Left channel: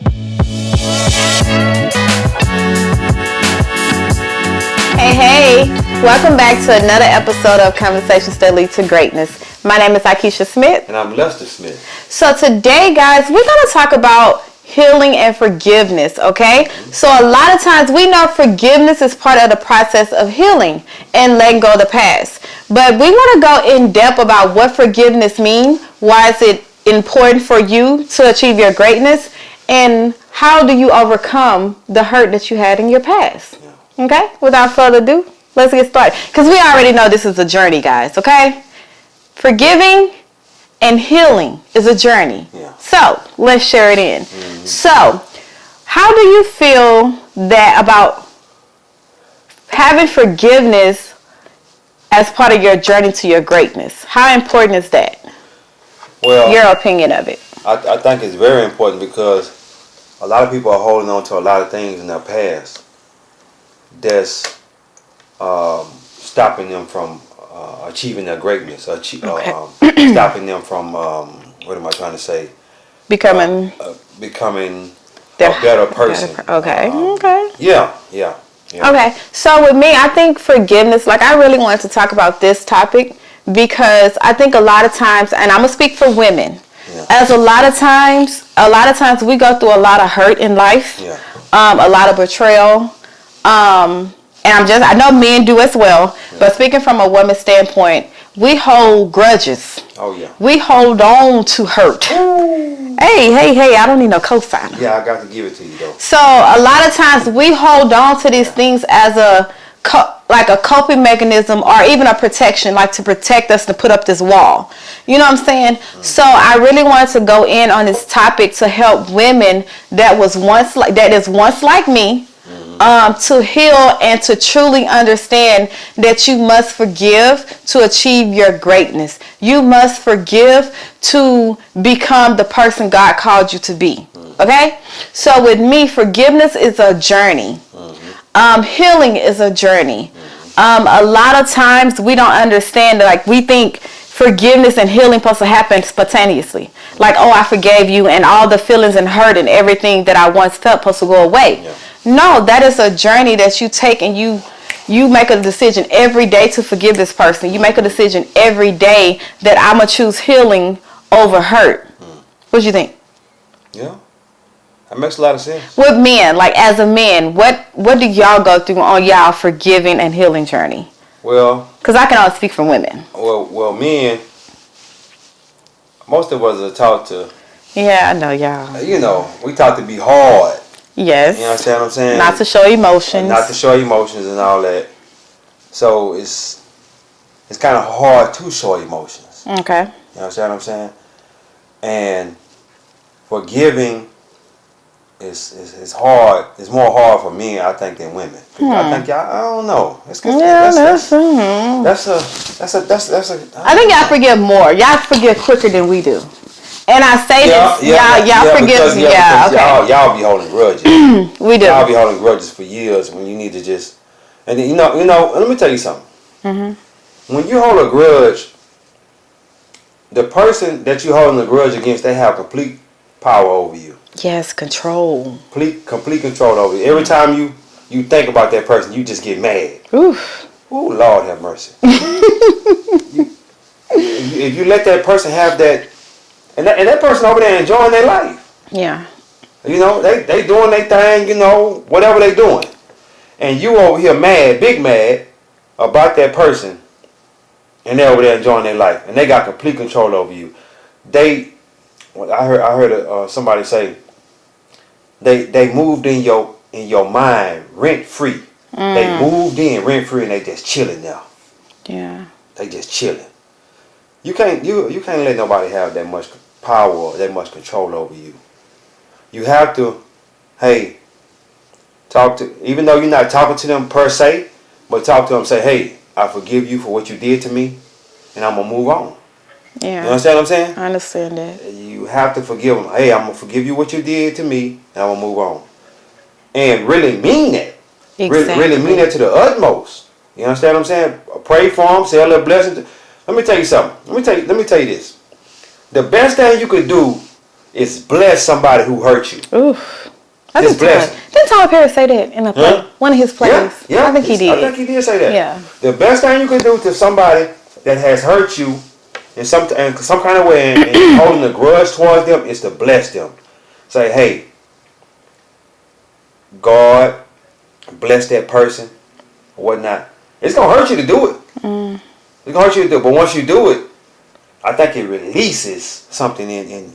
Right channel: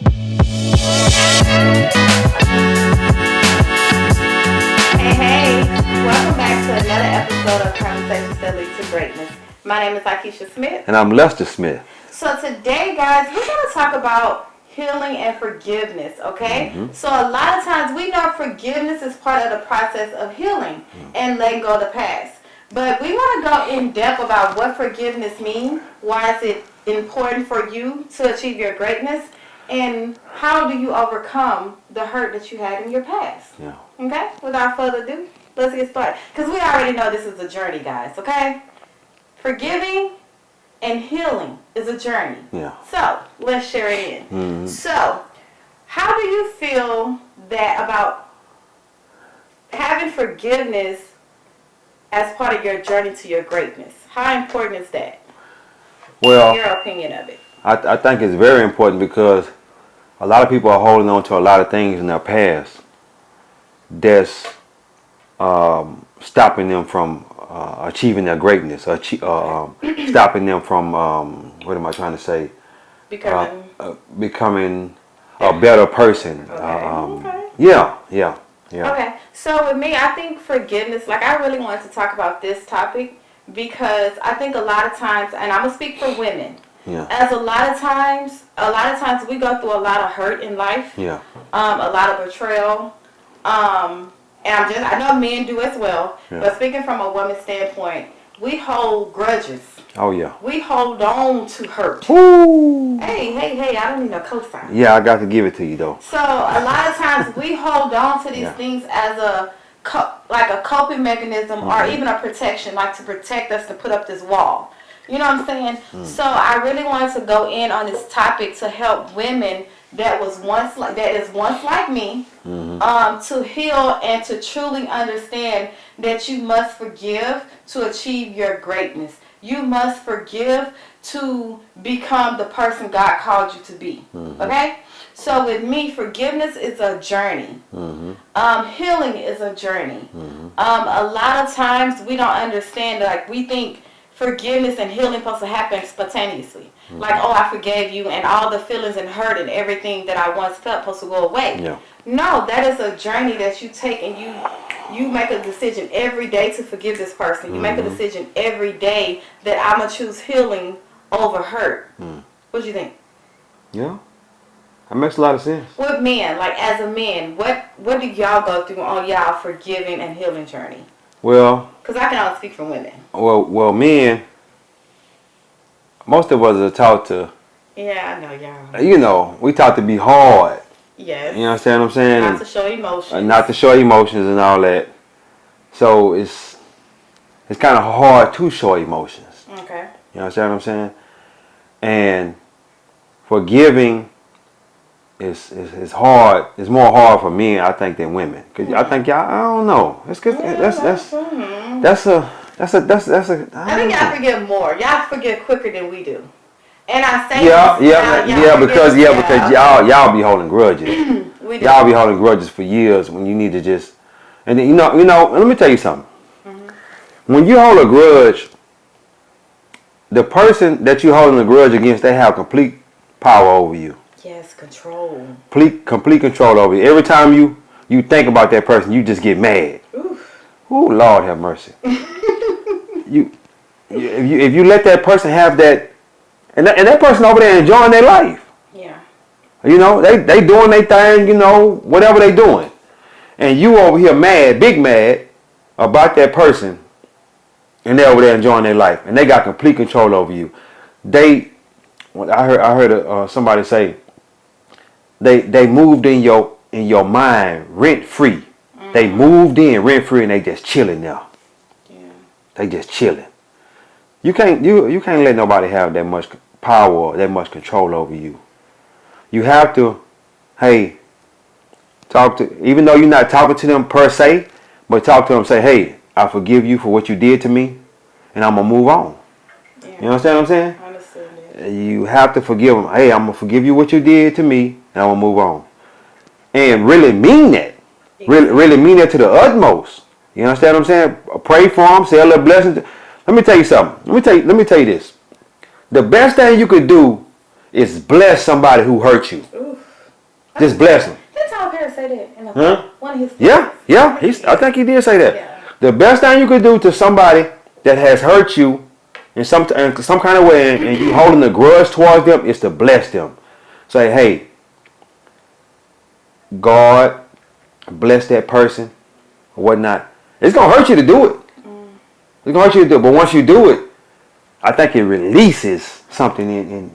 Hey, welcome back to another episode of Conversations That Lead to Greatness. My name is Akeisha Smith. And I'm Lester Smith. So today, guys, we're going to talk about healing and forgiveness, okay? So a lot of times we know forgiveness is part of the process of healing and letting go of the past. But we want to go in depth about what forgiveness means, why is it important for you to achieve your greatness, and how do you overcome the hurt that you had in your past. Yeah. Okay? Without further ado, let's get started. Because we already know this is a journey, guys, okay? Forgiving and healing is a journey. Yeah. So, let's share it in. So, how do you feel that about having forgiveness as part of your journey to your greatness? How important is that? Well, Your opinion of it. I think it's very important because a lot of people are holding on to a lot of things in their past that's stopping them from achieving their greatness, stopping them from, what am I trying to say? Becoming a better person. Okay. Yeah. Okay, so with me, I think forgiveness, like I really wanted to talk about this topic because I think a lot of times, and I'm going to speak for women, as a lot of times we go through a lot of hurt in life, a lot of betrayal, and I know men do as well, but speaking from a woman's standpoint, we hold grudges. Oh, yeah. We hold on to hurt. Ooh. Hey, I don't need no cosign. Yeah, I got to give it to you, though. So, a lot of times we hold on to these things as a coping mechanism or even a protection, like to protect us, to put up this wall. You know what I'm saying? So, I really wanted to go in on this topic to help women that is once like me, to heal and to truly understand that you must forgive to achieve your greatness. You must forgive to become the person God called you to be. Okay? So with me, forgiveness is a journey. Healing is a journey. A lot of times we don't understand, like we think forgiveness and healing supposed to happen spontaneously. Like, oh, I forgave you and all the feelings and hurt and everything that I once felt supposed to go away. Yeah. No, that is a journey that you take, and you make a decision every day to forgive this person. You make a decision every day that I'm going to choose healing over hurt. What do you think? Yeah. That makes a lot of sense. With men, like as a man, what do y'all go through on y'all forgiving and healing journey? Well, because I can only speak for women. Well, men, most of us are taught to. Yeah, I know y'all. You know, we taught to be hard. Yes. You understand what I'm saying? Not to show emotions. Not to show emotions and all that. So it's kind of hard to show emotions. Okay. You understand what I'm saying? And forgiving is hhard. It's more hard for men, I think, than women. Cause I think y'all, I don't know. That's a. I think y'all forgive more. Y'all forgive quicker than we do. And I say y'all forgive. Because y'all be holding grudges. We do. Y'all be holding grudges for years when you need to just. And then, you know. Let me tell you something. When you hold a grudge, the person that you holding a grudge against, they have complete power over you. Yes, control. Complete control over you. Every time you think about that person, you just get mad. Oof. Oh, Lord have mercy. If you let that person have that. And that person over there enjoying their life. Yeah. You know, they doing their thing, you know, whatever they doing. And you over here big mad about that person. And they're over there enjoying their life. And they got complete control over you. I heard somebody say, they moved in your mind rent free. They moved in rent free and they just chilling now. Yeah. They just chilling. You can't let nobody have that much power or that much control over you. You have to, even though you're not talking to them per se, but talk to them, say, hey, I forgive you for what you did to me, and I'm gonna move on. Yeah. You understand what I'm saying? I understand that. You have to forgive them. Hey, I'm gonna forgive you what you did to me, and I'm gonna move on. And really mean that. Exactly. Really mean that to the utmost. You understand what I'm saying? Pray for them, say a little blessing. Let me tell you something. Let me tell you this. The best thing you could do is bless somebody who hurt you. Oof. Just bless them. Didn't Tyler Perry say that in a play? One of his plays? Yeah. I think he did. I think he did say that. Yeah. The best thing you can do to somebody that has hurt you in some kind of way and you're holding a grudge towards them is to bless them. Say, hey, God bless that person or whatnot. It's going to hurt you to do it. It's going to hurt you to do it. But once you do it, I think it releases something and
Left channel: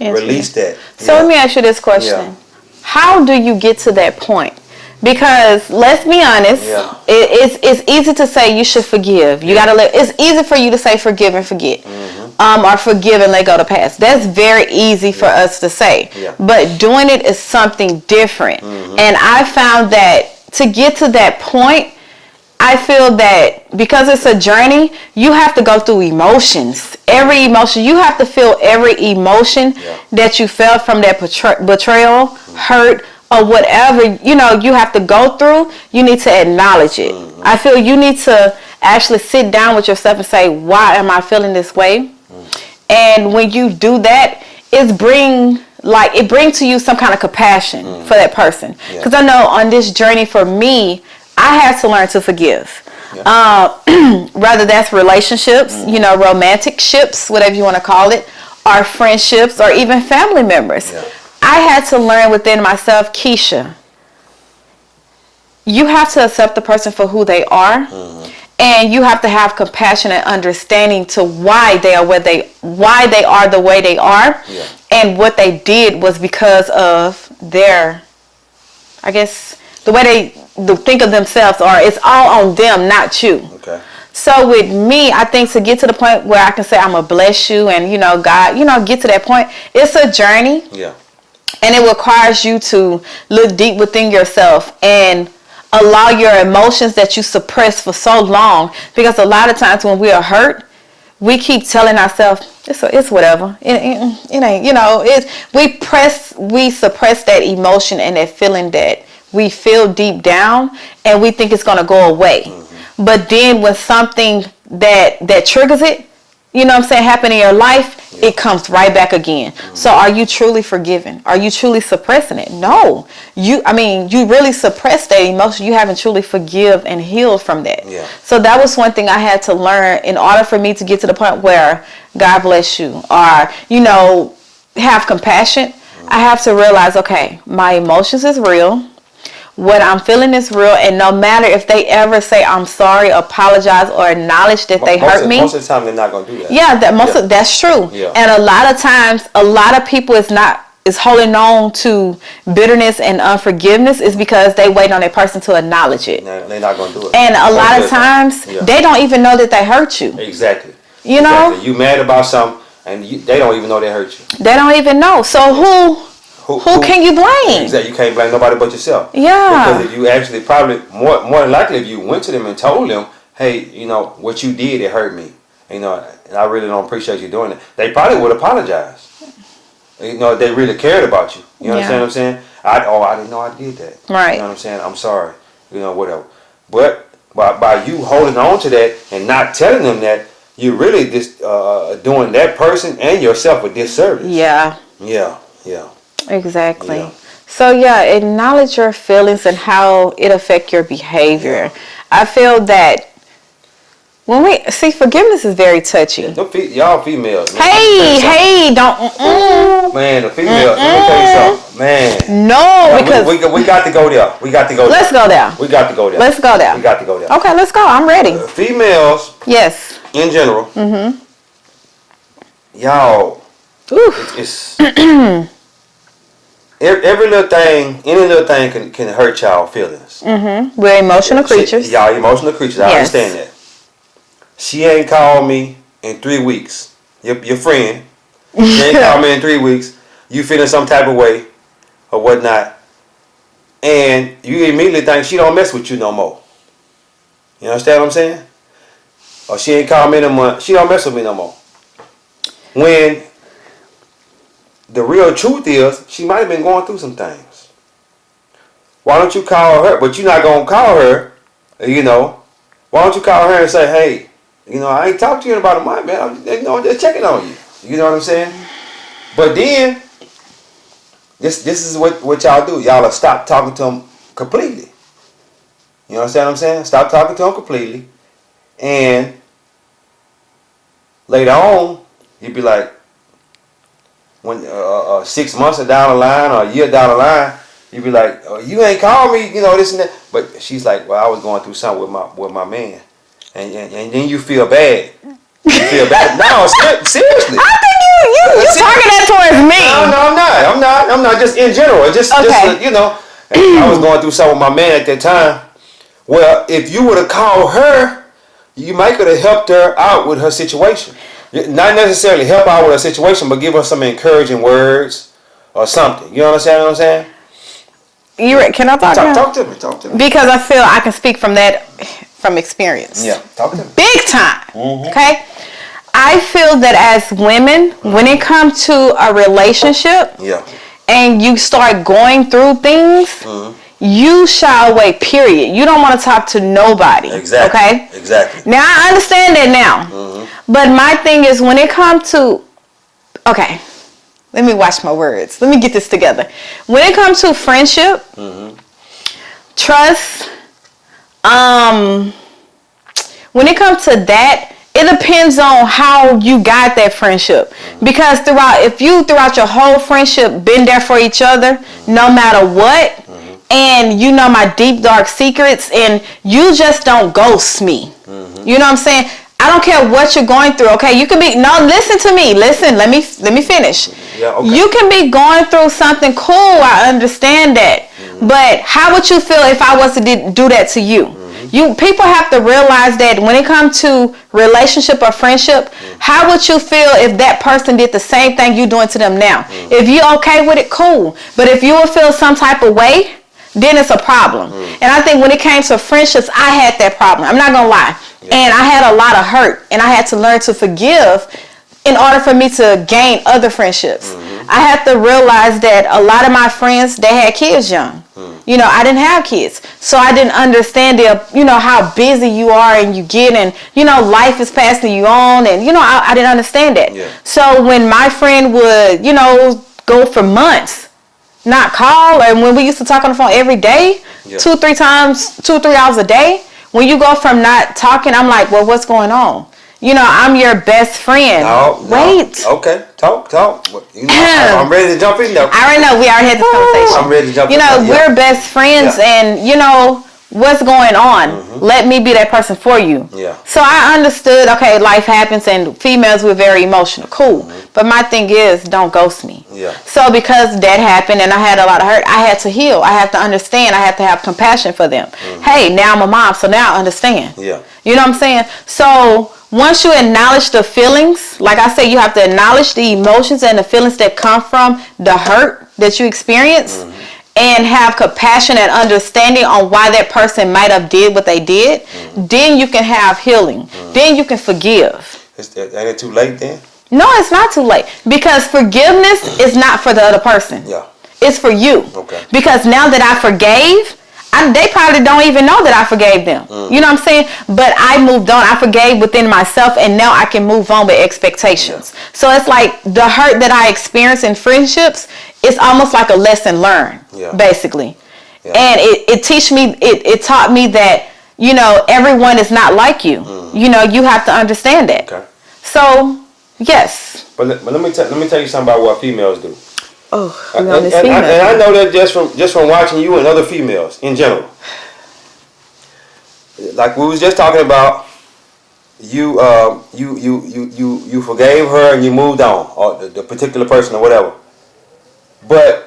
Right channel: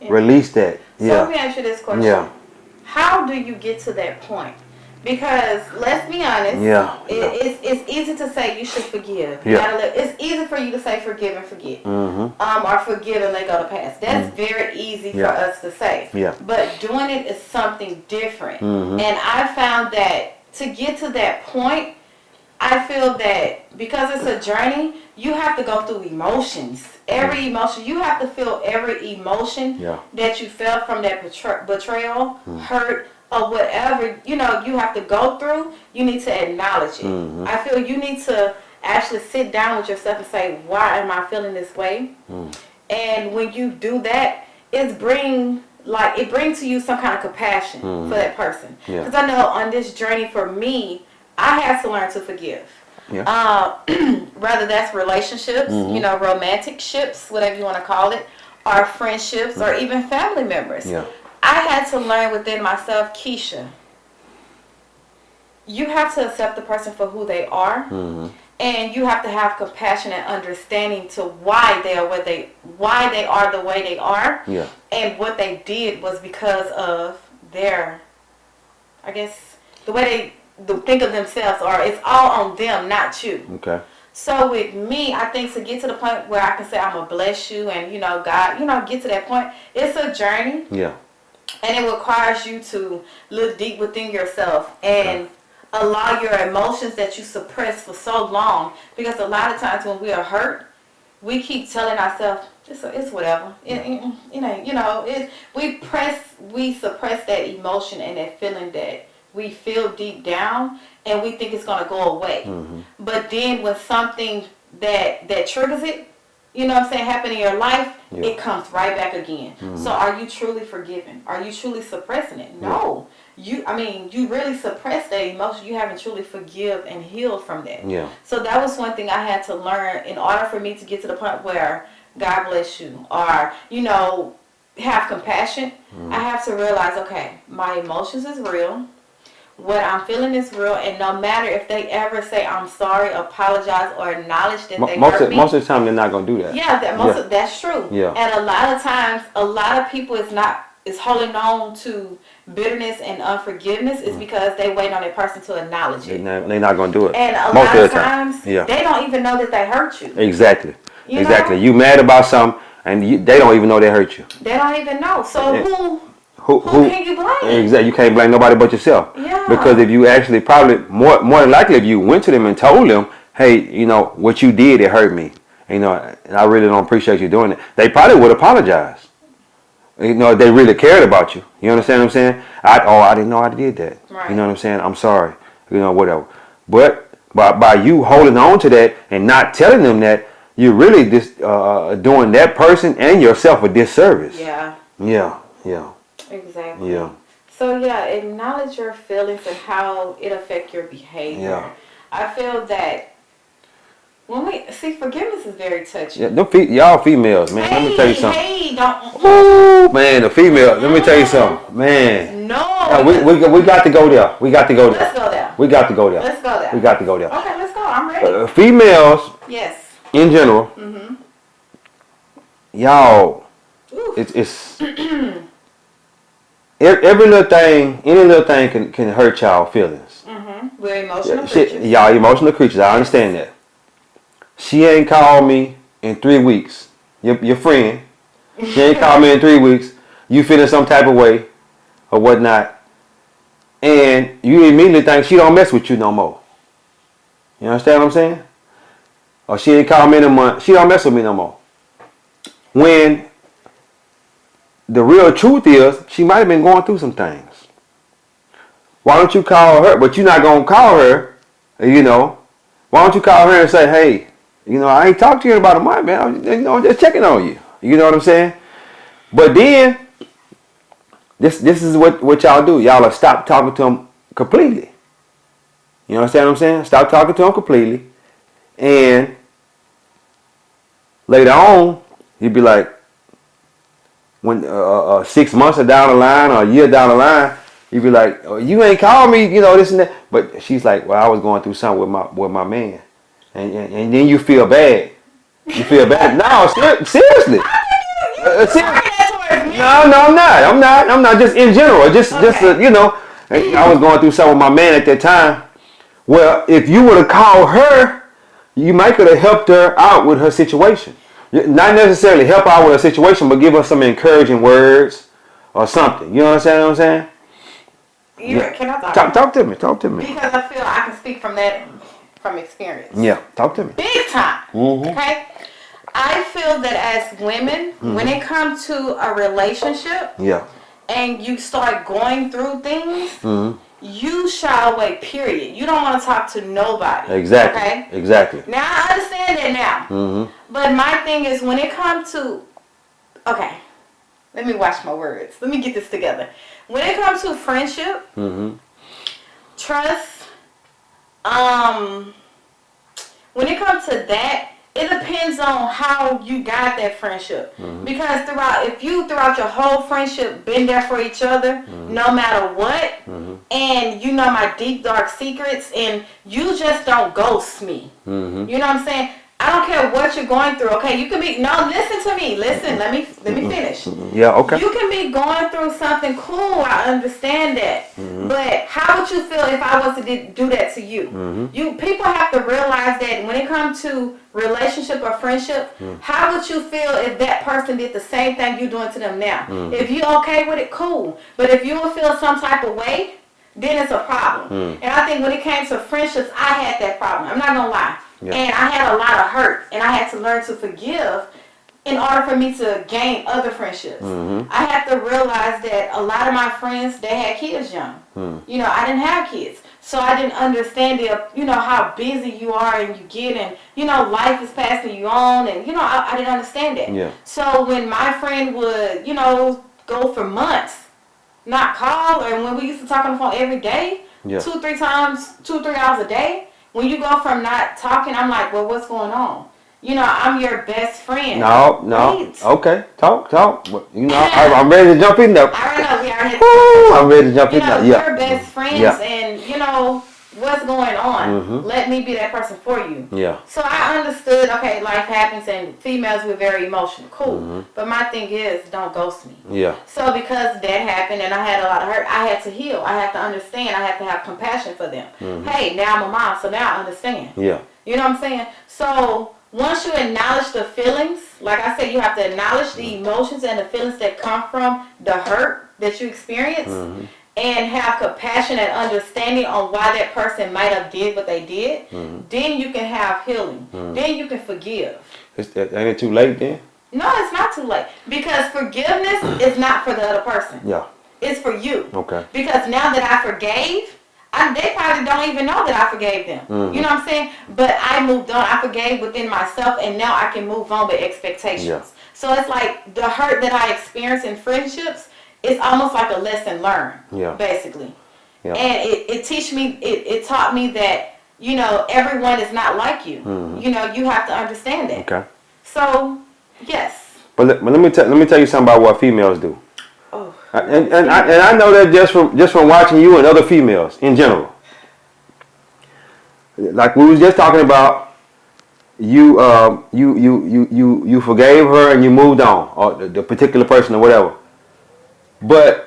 release that. So let me ask you this question. Yeah. How do you get to that point? Because let's be honest, it's easy to say you should forgive. You gotta let. It's easy for you to say forgive and forget, or forgive and let go of the past. That's very easy for us to say. Yeah. But doing it is something different. And I found that to get to that point, I feel that because it's a journey, you have to go through emotions. Every emotion, you have to feel every emotion that you felt from that betrayal, hurt, or whatever, you have to go through. You need to acknowledge it. I feel you need to actually sit down with yourself and say, why am I feeling this way? And when you do that, it brings to you some kind of compassion for that person. Because I know on this journey for me, I had to learn to forgive. Whether that's relationships, romantic ships, whatever you want to call it, or friendships, or even family members. I had to learn within myself, Keisha, you have to accept the person for who they are, and you have to have compassion and understanding to why they are the way they are, and what they did was because of their, I guess, the way they think of themselves, or it's all on them, not you. Okay. So with me, I think to get to the point where I can say I'm gonna bless you, and God, get to that point, it's a journey. Yeah. And it requires you to look deep within yourself and allow your emotions that you suppress for so long. Because a lot of times when we are hurt, we keep telling ourselves, it's whatever. It ain't, we suppress that emotion and that feeling that we feel deep down, and we think it's going to go away. But then when something that triggers it, happen in your life, it comes right back again. So are you truly forgiven? Are you truly suppressing it? No. You really suppress that emotion. You haven't truly forgive and healed from that. So that was one thing I had to learn in order for me to get to the point where God bless you, or, have compassion. I have to realize, okay, my emotions is real. What I'm feeling is real, and no matter if they ever say I'm sorry, apologize, or acknowledge that they hurt me. Most of the time, they're not gonna do that. Yeah, that's true. Yeah. And a lot of times, a lot of people is holding on to bitterness and unforgiveness is because they wait on a person to acknowledge it. They're not gonna do it. And a lot of times, they don't even know that they hurt you. Exactly. You know, you mad about something, and they don't even know they hurt you. They don't even know. So who can you blame? Exactly. You can't blame nobody but yourself. Yeah. Because if you actually probably more than likely if you went to them and told them, hey, what you did, it hurt me. And I really don't appreciate you doing it. They probably would apologize. If they really cared about you. You understand what I'm saying? I didn't know I did that. Right. You know what I'm saying? I'm sorry. Whatever. But by you holding on to that and not telling them that, you're really just doing that person and yourself a disservice. Yeah. Yeah. Exactly. Yeah. So acknowledge your feelings and how it affects your behavior. Yeah. I feel that when we see, forgiveness is very touchy. Y'all females, man. Hey, don't. Man, the females. Let me tell you something, man. No, because we got to go there. Let's go there. We got to go there. Let's go there. We got to go there. Okay, let's go. I'm ready. Females. Yes. In general. Y'all. It's any little thing can hurt y'all feelings. We're emotional creatures. Y'all emotional creatures. I understand that. She ain't called me in 3 weeks. Your friend. She ain't called me in 3 weeks. You feeling some type of way or whatnot. And you immediately think she don't mess with you no more. You understand what I'm saying? Or she ain't called me in a month. She don't mess with me no more. When the real truth is, she might have been going through some things. Why don't you call her? But you're not going to call her, Why don't you call her and say, hey, I ain't talked to you in about a month, man. I'm just checking on you. You know what I'm saying? But then, this is what y'all do. Y'all will stop talking to them completely. You understand what I'm saying? Stop talking to them completely. And later on, you'd be like, when 6 months down the line or a year down the line, you'd be like, oh, you ain't called me, this and that. But she's like, well, I was going through something with my man. And then you feel bad. You feel bad. No, seriously. I think you talking that towards me. No, I'm not. Just in general. Just Okay. I was going through something with my man at that time. Well, if you would have called her, you might could have helped her out with her situation. Not necessarily help out with her situation, but give her some encouraging words or something. You understand what I'm saying? Can I talk to you? Talk to me. Because I feel I can speak from experience. Yeah, talk to me. Big time. Mm-hmm. Okay? I feel that as women, when it comes to a relationship, and you start going through things, you shy away, period. You don't want to talk to nobody. Exactly. Okay? Exactly. Now, I understand that now. But my thing is, when it comes to... Okay. Let me watch my words. Let me get this together. When it comes to friendship, trust, when it comes to that, it depends on how you got that friendship. Because if you throughout your whole friendship been there for each other, no matter what, and you know my deep dark secrets, and you just don't ghost me. You know what I'm saying? I don't care what you're going through. Okay, you can be listen to me. Listen, let me finish. Yeah, okay. You can be going through something cool. I understand that. But how would you feel if I was to do that to you? People have to realize that when it comes to relationship or friendship, how would you feel if that person did the same thing you doing to them now? If you okay with it, cool. But if you would feel some type of way, then it's a problem. And I think when it came to friendships, I had that problem. I'm not gonna lie. And I had a lot of hurt, and I had to learn to forgive in order for me to gain other friendships. I had to realize that a lot of my friends, they had kids young. I didn't have kids. So I didn't understand how busy you are and you get, and, life is passing you on, and, I didn't understand that. Yeah. So when my friend would, go for months, not call, and when we used to talk on the phone every day, 2 or 3 hours a day, when you go from not talking, I'm like, well, what's going on? I'm your best friend. No. Wait. Okay, talk. I'm ready to jump in there. I already know. We already had this conversation. I'm ready to jump in there. We're best friends, and, what's going on? Let me be that person for you. Yeah. So I understood, okay, life happens, and females were very emotional. Cool. But my thing is, don't ghost me. Yeah. So because that happened and I had a lot of hurt, I had to heal. I had to understand. I had to have compassion for them. Hey, now I'm a mom, so now I understand. Yeah. You know what I'm saying? So once you acknowledge the feelings, like I said, you have to acknowledge the emotions and the feelings that come from the hurt that you experience, and have compassion and understanding on why that person might have did what they did, then you can have healing. Then you can forgive. Ain't it too late then? No, it's not too late. Because forgiveness is not for the other person. Yeah. It's for you. Okay. Because now that I forgave, they probably don't even know that I forgave them. You know what I'm saying? But I moved on. I forgave within myself, and now I can move on with expectations. Yeah. So it's like the hurt that I experience in friendships, it's almost like a lesson learned, basically. Yeah. And it taught me that, everyone is not like you. You have to understand that. Okay. So, yes. But let me tell you something about what females do. Oh, and I know that just from watching you and other females in general. Like we was just talking about, you forgave her and you moved on, or the particular person or whatever. But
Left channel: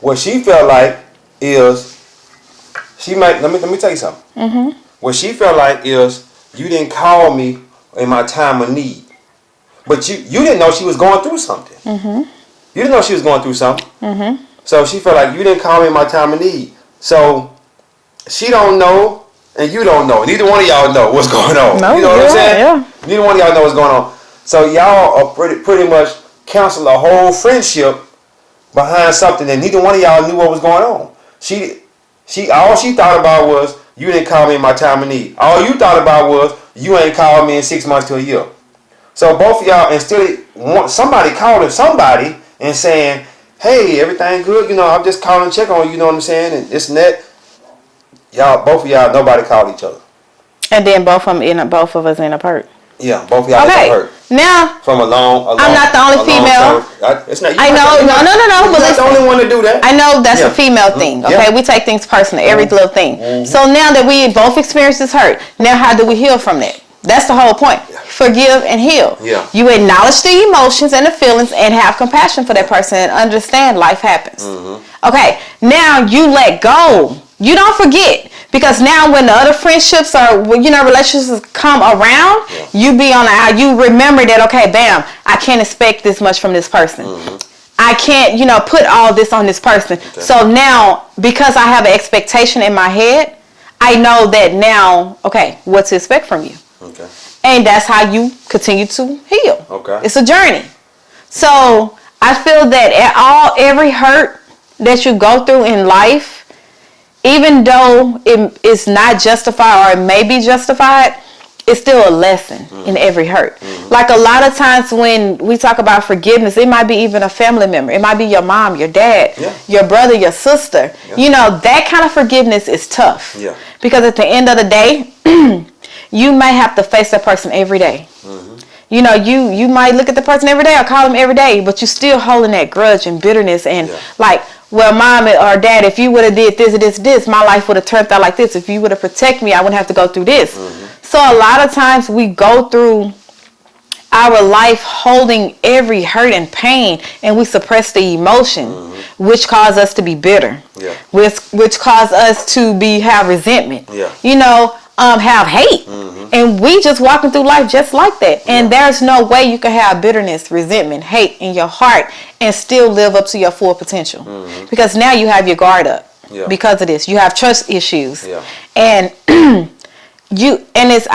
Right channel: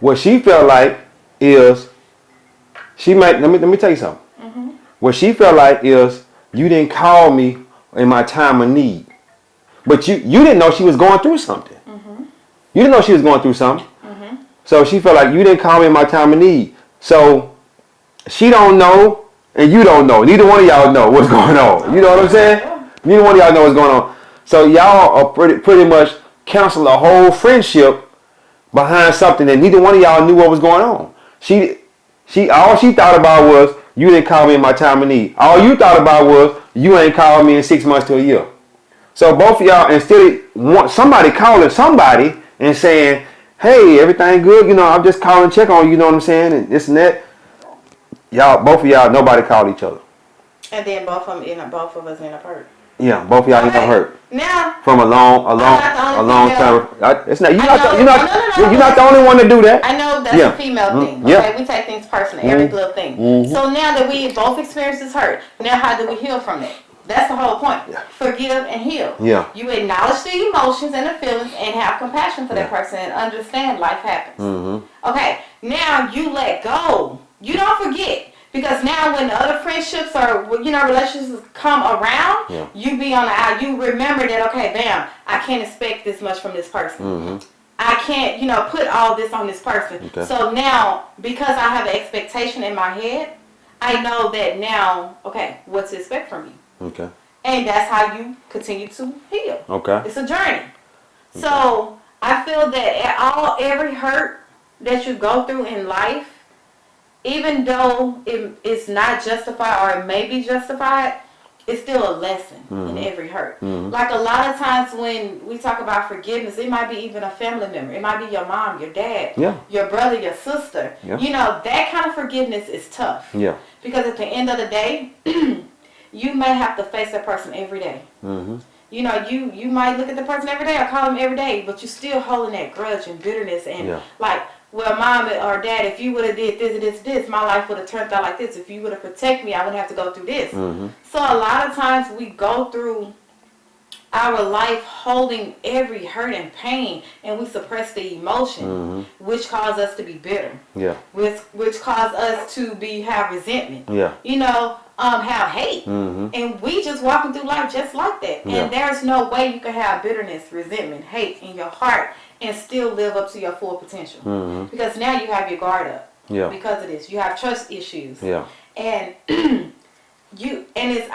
what she felt like is let me tell you something. What she felt like is you didn't call me in my time of need, but you didn't know she was going through something. You didn't know she was going through something. So she felt like you didn't call me in my time of need. So she don't know and you don't know. Neither one of y'all know what's going on. No, you know what I'm saying? Yeah. Neither one of y'all know what's going on. So y'all are pretty much cancel a whole friendship behind something that neither one of y'all knew what was going on. All she thought about was you didn't call me in my time of need. All you thought about was you ain't called me in 6 months to a year. So both of y'all, instead want somebody calling somebody and saying, hey, everything good, I'm just calling check on you, know what I'm saying, and this and that. Y'all, both of y'all, nobody called each other. And then both of us end up hurt. Yeah, both of y'all end up hurt. Now, from a long. I'm not the only female. It's not. No. You're not the only one to do that. I know that's a female thing. Okay, we take things personal, every little thing. So now that we both experienced this hurt, now how do we heal from that? That's the whole point. Forgive and heal. Yeah. You acknowledge the emotions and the feelings and have compassion for that person and understand life happens. Okay, now you let go. You don't forget. Because now when the other friendships or, relationships come around, you remember that, okay, bam, I can't expect this much from this person. I can't, put all this on this person. Okay. So now, because I have an expectation in my head, I know that now, okay, what to expect from you. Okay. And that's how you continue to heal. Okay. It's a journey. So I feel that every hurt that you go through in life, even though it's not justified or it may be justified, it's still a lesson in every hurt. Like a lot of times when we talk about forgiveness, it might be even a family member. It might be your mom, your dad, your brother, your sister. Yeah. That kind of forgiveness is tough. Yeah. Because at the end of the day, you may have to face that person every day. You might look at the person every day or call them every day, but you're still holding that grudge and bitterness and well, mom or dad, if you would have did this, my life would have turned out like this. If you would have protected me, I wouldn't have to go through this. So a lot of times we go through our life holding every hurt and pain, and we suppress the emotion, which cause us to be bitter, which cause us to have resentment, have hate. And we just walking through life just like that. And there's no way you can have bitterness, resentment, hate in your heart and still live up to your full potential. Because now you have your guard up because of this. You have trust issues. And I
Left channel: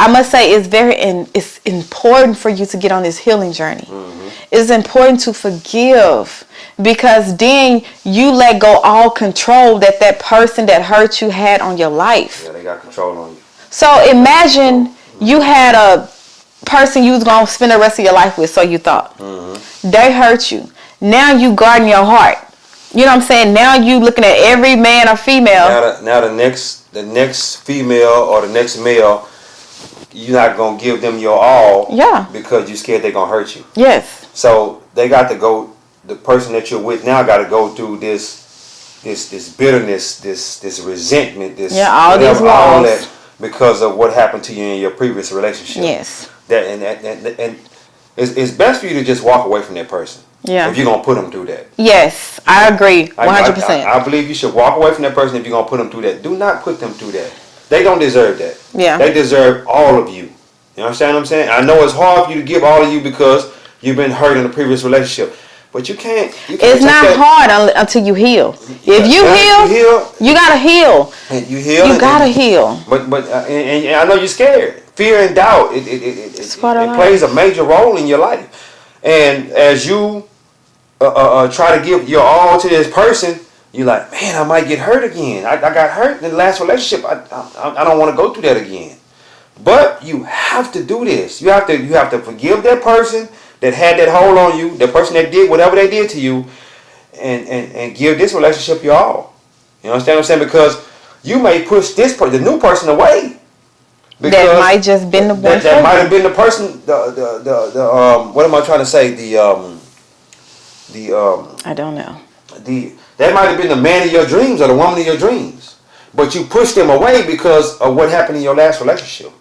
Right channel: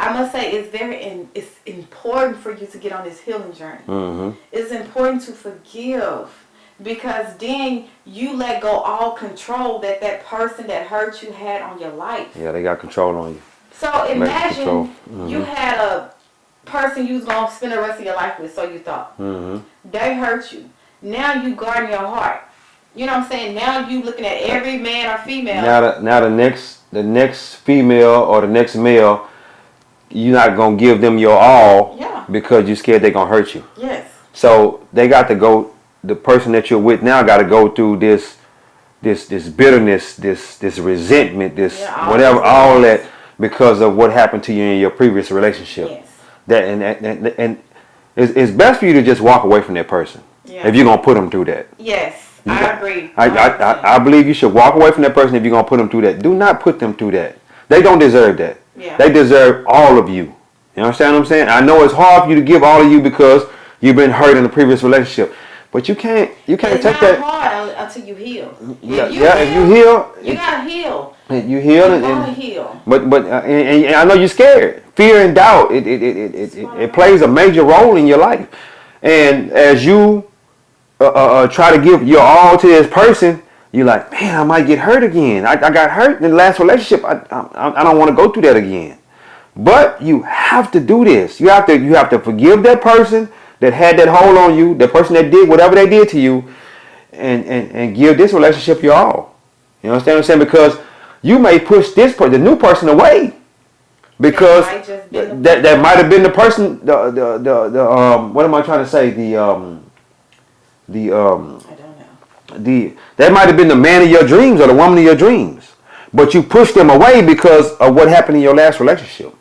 must say it's important for you to get on this healing journey. It's important to forgive, because then you let go all control that person that hurt you had on your life. Yeah, they got control on you. So imagine you had a person you was going to spend the rest of your life with, so you thought. They hurt you. Now you guarding your heart. You know what I'm saying? Now you looking at every man or female. Now the next female or the next male, you're not going to give them your all because you're scared they're going to hurt you. Yes. So they got to go, the person that you're with now got to go through this bitterness, this resentment, all that. Because of what happened to you in your previous relationship. Yes. And it's best for you to just walk away from that person. Yeah. If you're gonna put them through that. Yes, I agree. 100%. I believe you should walk away from that person if you're gonna put them through that. Do not put them through that. They don't deserve that. Yeah. They deserve all of you. You understand what I'm saying? I know it's hard for you to give all of you because you've been hurt in the previous relationship. But you can't. It's not hard until you heal. If you heal, you gotta heal. And you heal. You gotta heal. But and I know you're scared. Fear and doubt. It plays a major role in your life. And as you try to give your all to this person, you're like, man, I might get hurt again. I got hurt in the last relationship. I don't want to go through that again. But you have to do this. You have to forgive that person that had that hold on you, the person that did whatever they did to you, and give this relationship your all. You understand what I'm saying? Because you may push the new person away. Because that might just been the that might have been the person. What am I trying to say? I don't know. That might have been the man of your dreams or the woman of your dreams, but you pushed them away because of what happened in your last relationship.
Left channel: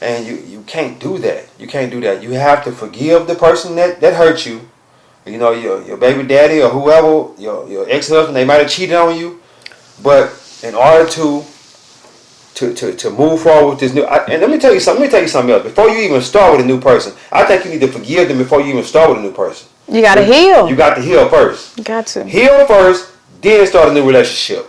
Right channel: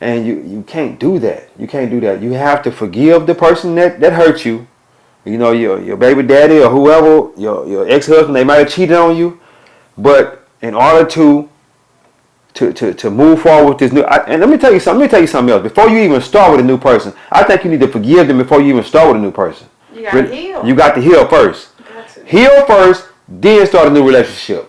And you can't do that. You can't do that. You have to forgive the person that hurt you. You know, your baby daddy or whoever, your ex-husband, they might have cheated on you. But in order to move forward with this new, and let me tell you something else. Before you even start with a new person, I think you need to forgive them before you even start with a new person. You got to heal. You got to heal first. You got to. Heal first, then start a new relationship.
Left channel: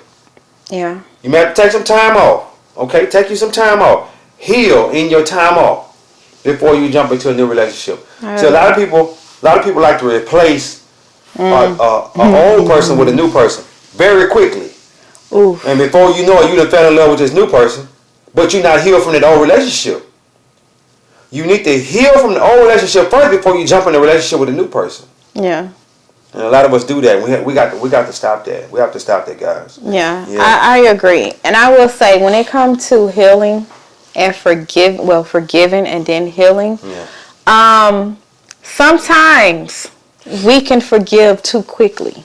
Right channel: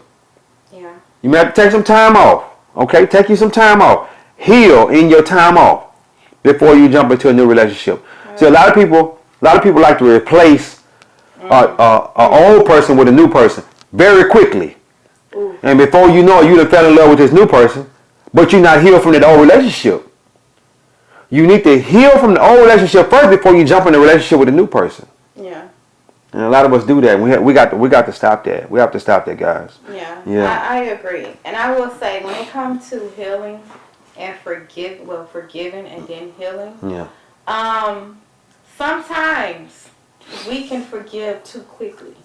Yeah. You may have to take some time off. Okay? Take you some time off. Heal in your time off before you jump into a new relationship. So a lot of people like to replace an old person with a new person very quickly. Oof. And before you know it, you done fell in love with this new person, but you're not healed from that old relationship. You need to heal from the old relationship first before you jump in a relationship with a new person. Yeah. And a lot of us do that. We got to stop that. We have to stop that, guys. Yeah. I agree. And I will say, when it comes to healing and forgiving and then healing, sometimes we can forgive too quickly.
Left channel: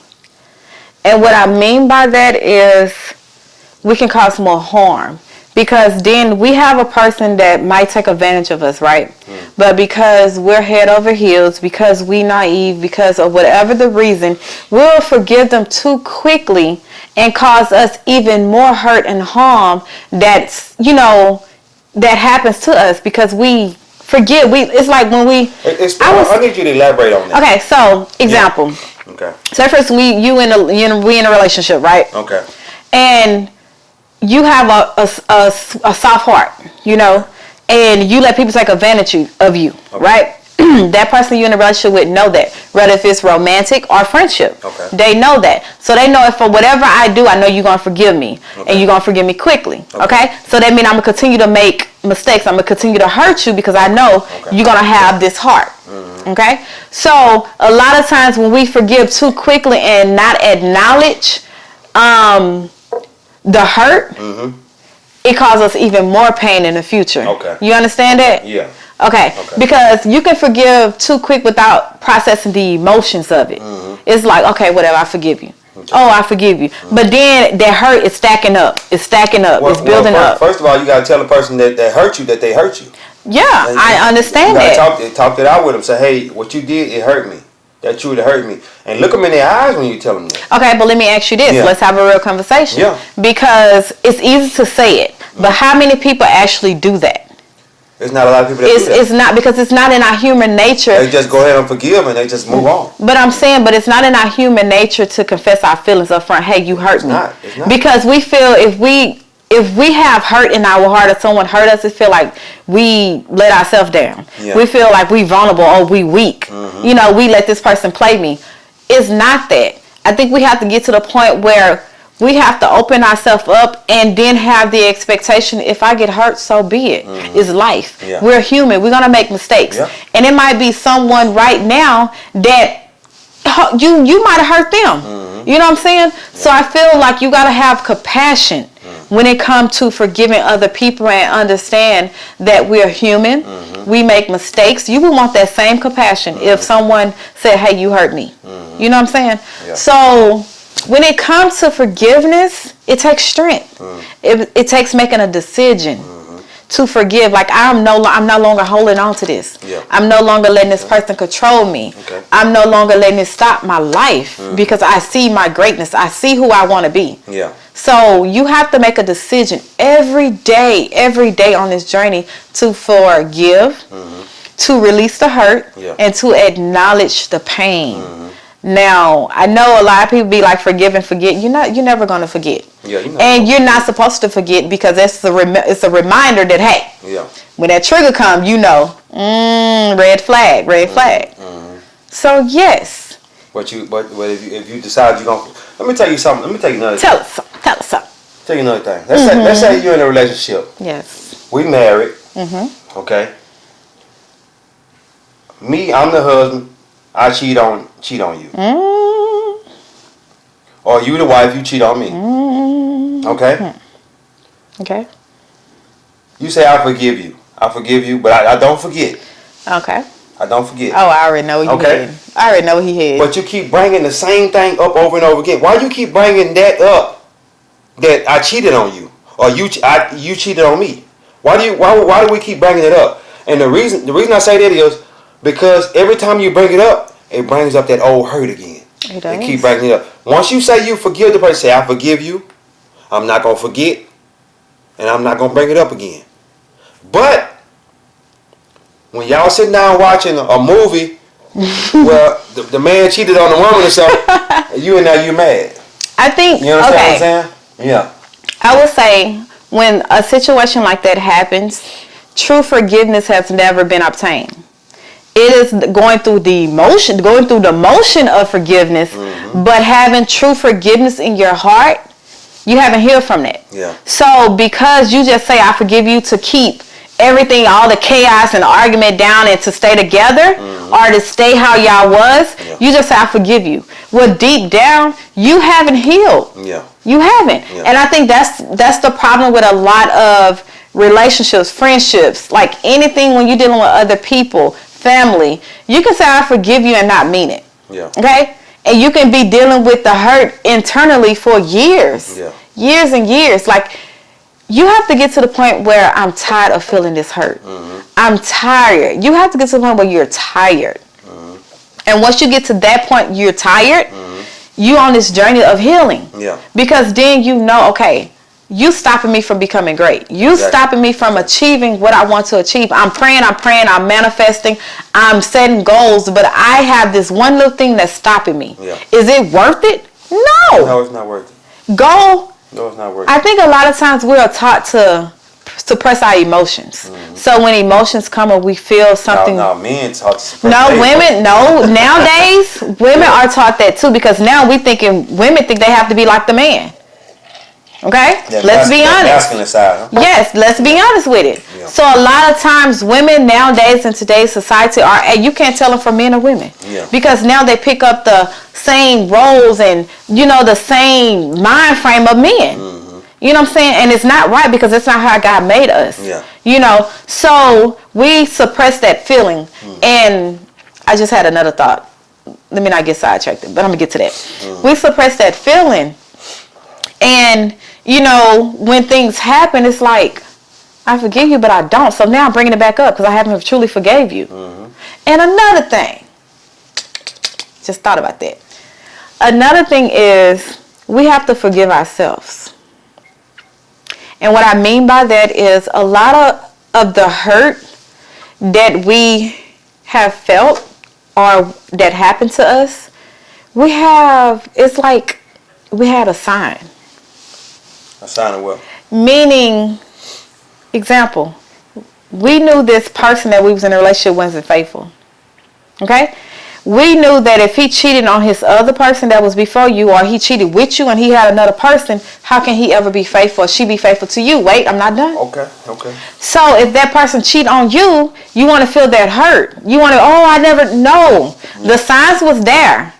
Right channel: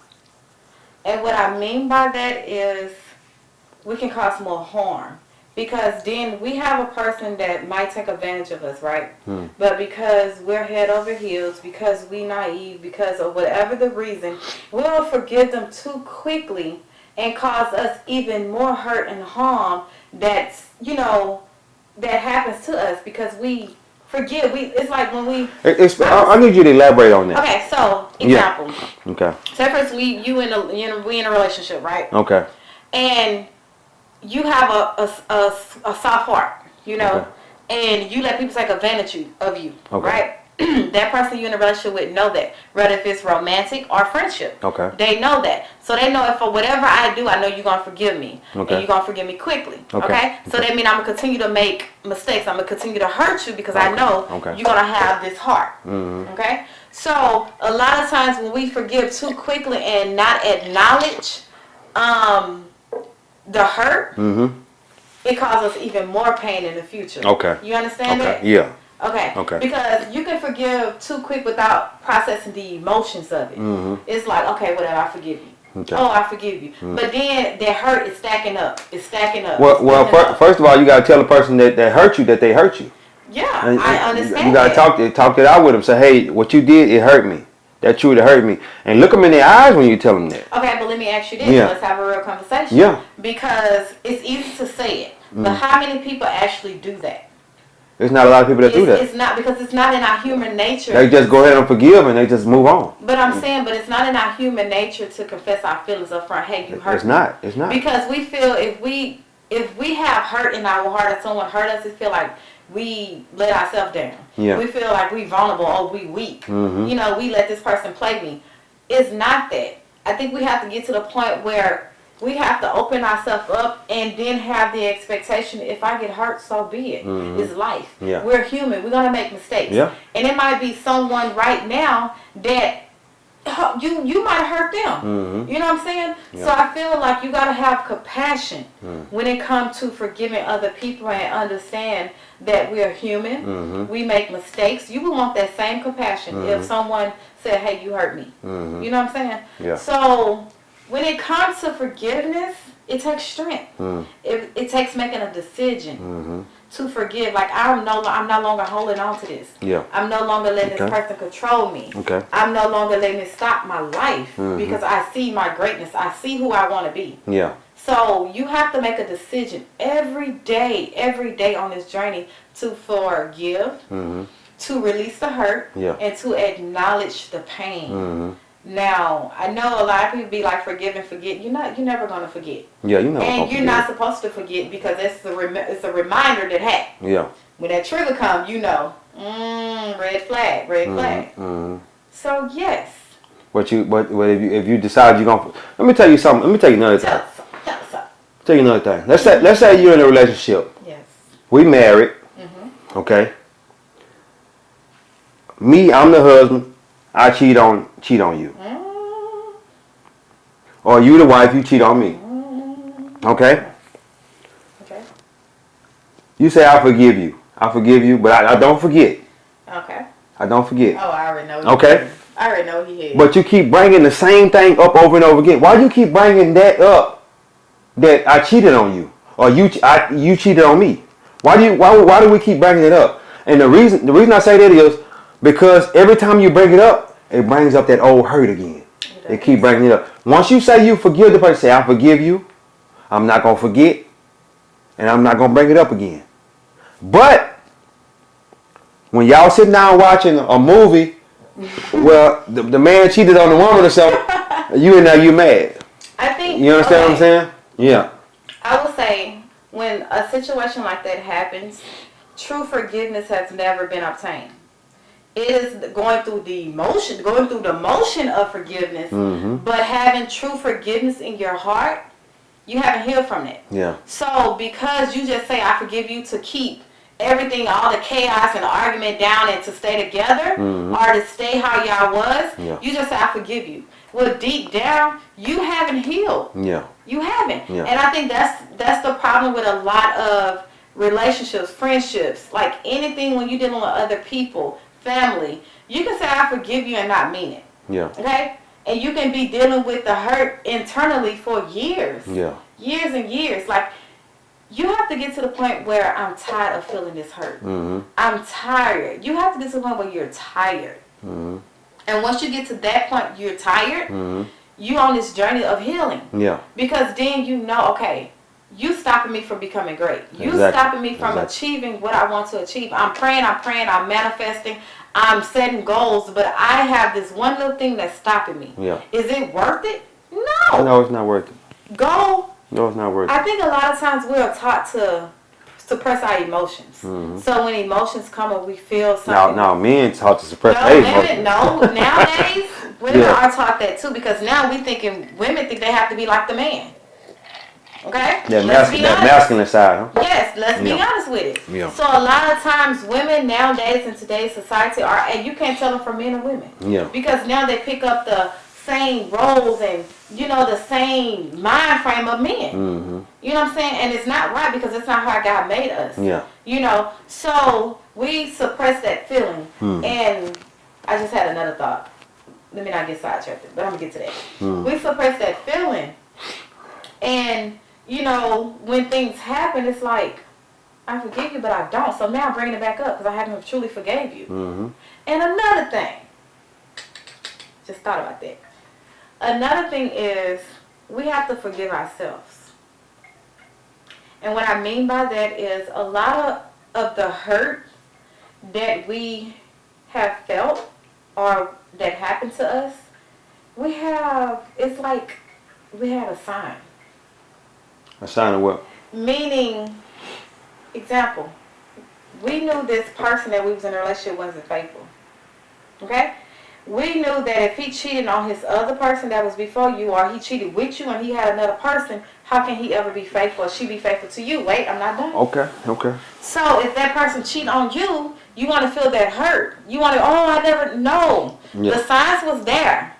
And what I mean by that is we can cause more harm. Because then we have a person that might take advantage of us, right? But because we're head over heels, because we naive, because of whatever the reason, we'll forgive them too quickly and cause us even more hurt and harm that happens to us because we forget. It's like when we... I need you to elaborate on that. Okay, so, example. Yeah. Okay. So first, we in a relationship, right? Okay. And you have a soft heart, and you let people take advantage of you, right? That person you're in a relationship with know that, whether if it's romantic or friendship. Okay. They know that. So they know if for whatever I do, I know you're going to forgive me, and you're going to forgive me quickly, okay? So that means I'm going to continue to make mistakes. I'm going to continue to hurt you because I know you're going to have this heart, okay? So a lot of times when we forgive too quickly and not acknowledge the hurt, it causes us even more pain in the future. Okay. You understand that? Yeah. Okay. Because you can forgive too quick without processing the emotions of it. It's like, okay, whatever, I forgive you. Okay. Oh, I forgive you. But then that hurt is stacking up. It's stacking up. It's building up. First of all, you got to tell the person that hurt you that they hurt you. Yeah, I understand that. You got to talk it out with them. Say, hey, what you did, it hurt me. That truly hurt me. And look them in their eyes when you tell them that. Okay, but let me ask you this. Yeah. Let's have a real conversation. Yeah. Because it's easy to say it. But how many people actually do that? It's not a lot of people that do that. It's not, because it's not in our human nature. They just go ahead and forgive and they just move on. But I'm saying, it's not in our human nature to confess our feelings up front. Hey, you hurt me. It's not. Because we feel if we have hurt in our heart or someone hurt us, it feel like we let ourselves down. Yeah. We feel like we vulnerable or we weak. We let this person play me. It's not that. I think we have to get to the point where we have to open ourselves up and then have the expectation, if I get hurt, so be it. It's life. Yeah. We're human. We're going to make mistakes. Yeah. And it might be someone right now that you might have hurt them. You know what I'm saying? Yeah. So I feel like you got to have compassion when it comes to forgiving other people and understand that we're human. We make mistakes. You would want that same compassion if someone said, hey, you hurt me. You know what I'm saying? Yeah. So when it comes to forgiveness, it takes strength. It takes making a decision to forgive. Like I'm no longer holding on to this. Yeah. I'm no longer letting this person control me. Okay. I'm no longer letting it stop my life because I see my greatness. I see who I want to be. Yeah. So you have to make a decision every day on this journey to forgive, to release the hurt, and to acknowledge the pain. Now, I know a lot of people be like, forgive and forget. You're never going to forget. Yeah, you're not supposed to forget because it's a reminder that, hey, when that trigger comes, red flag. So, yes. But if you decide you're going to, let me tell you something. Let me tell you another thing. Tell us something. Tell you another thing. Let's say you're in a relationship. Yes. We married. Okay. Me, I'm the husband. I cheat on you. Or you the wife, you cheat on me. Okay? Okay. You say, I forgive you, but I don't forget. Okay. I don't forget. Oh, I already know what you did. I already know what he had. But you keep bringing the same thing up over and over again. Why do you keep bringing that up? That I cheated on you, or you cheated on me. Why do we keep bringing it up? And the reason I say that is because every time you bring it up, it brings up that old hurt again. It keep bringing it up. Once you say you forgive the person, say I forgive you. I'm not gonna forget, and I'm not gonna bring it up again. But when y'all sitting down watching a movie, well, the man cheated on the woman or something, you mad. I think you understand what I'm saying? Yeah. I would say when a situation like that happens, true forgiveness has never been obtained. It is going through the motion of forgiveness, but having true forgiveness in your heart, you haven't healed from that. Yeah. So because you just say I forgive you to keep everything, all the chaos and the argument down and to stay together or to stay how y'all was, you just say, I forgive you. Well, deep down, you haven't healed. Yeah. You haven't. Yeah. And I think that's the problem with a lot of relationships, friendships, like anything when you're dealing with other people, family. You can say, I forgive you and not mean it. Yeah. Okay? And you can be dealing with the hurt internally for years. Yeah. Years and years. Like, you have to get to the point where I'm tired of feeling this hurt. I'm tired. You have to get to the point where you're tired. And once you get to that point, you're tired, you on this journey of healing. Yeah. Because then you know, okay, you stopping me from becoming great. You stopping me from achieving what I want to achieve. I'm praying, I'm manifesting, I'm setting goals, but I have this one little thing that's stopping me. Yeah. Is it worth it? No. No, it's not worth it. Go. No, it's not worth it. I think a lot of times we are taught to suppress our emotions. So when emotions come and we feel something. No, men taught to suppress. No, women. No, nowadays women are taught that too, because now women think they have to be like the man. Okay, let's be honest. Masculine side, huh? Yes, let's be honest with it. Yeah. So a lot of times women nowadays in today's society are, and you can't tell them from men or women. Yeah. Because now they pick up the same roles and, the same mind frame of men. You know what I'm saying? And it's not right because it's not how God made us. Yeah. So we suppress that feeling. And I just had another thought. Let me not get sidetracked, but I'm going to get to that. We suppress that feeling. And, when things happen, it's like, I forgive you, but I don't. So now I'm bringing it back up because I haven't truly forgave you. And another thing, just thought about that. Another thing is we have to forgive ourselves. And what I mean by that is a lot of the hurt that we have felt or that happened to us, it's like we had a sign. A sign of what? Meaning, example, we knew this person that we was in a relationship wasn't faithful. Okay? We knew that if he cheated on his other person that was before you, or he cheated with you and he had another person, how can he ever be faithful or she be faithful to you? Wait, I'm not done. Okay. So if that person cheat on you, you want to feel that hurt. You want to, I never know. The signs was there.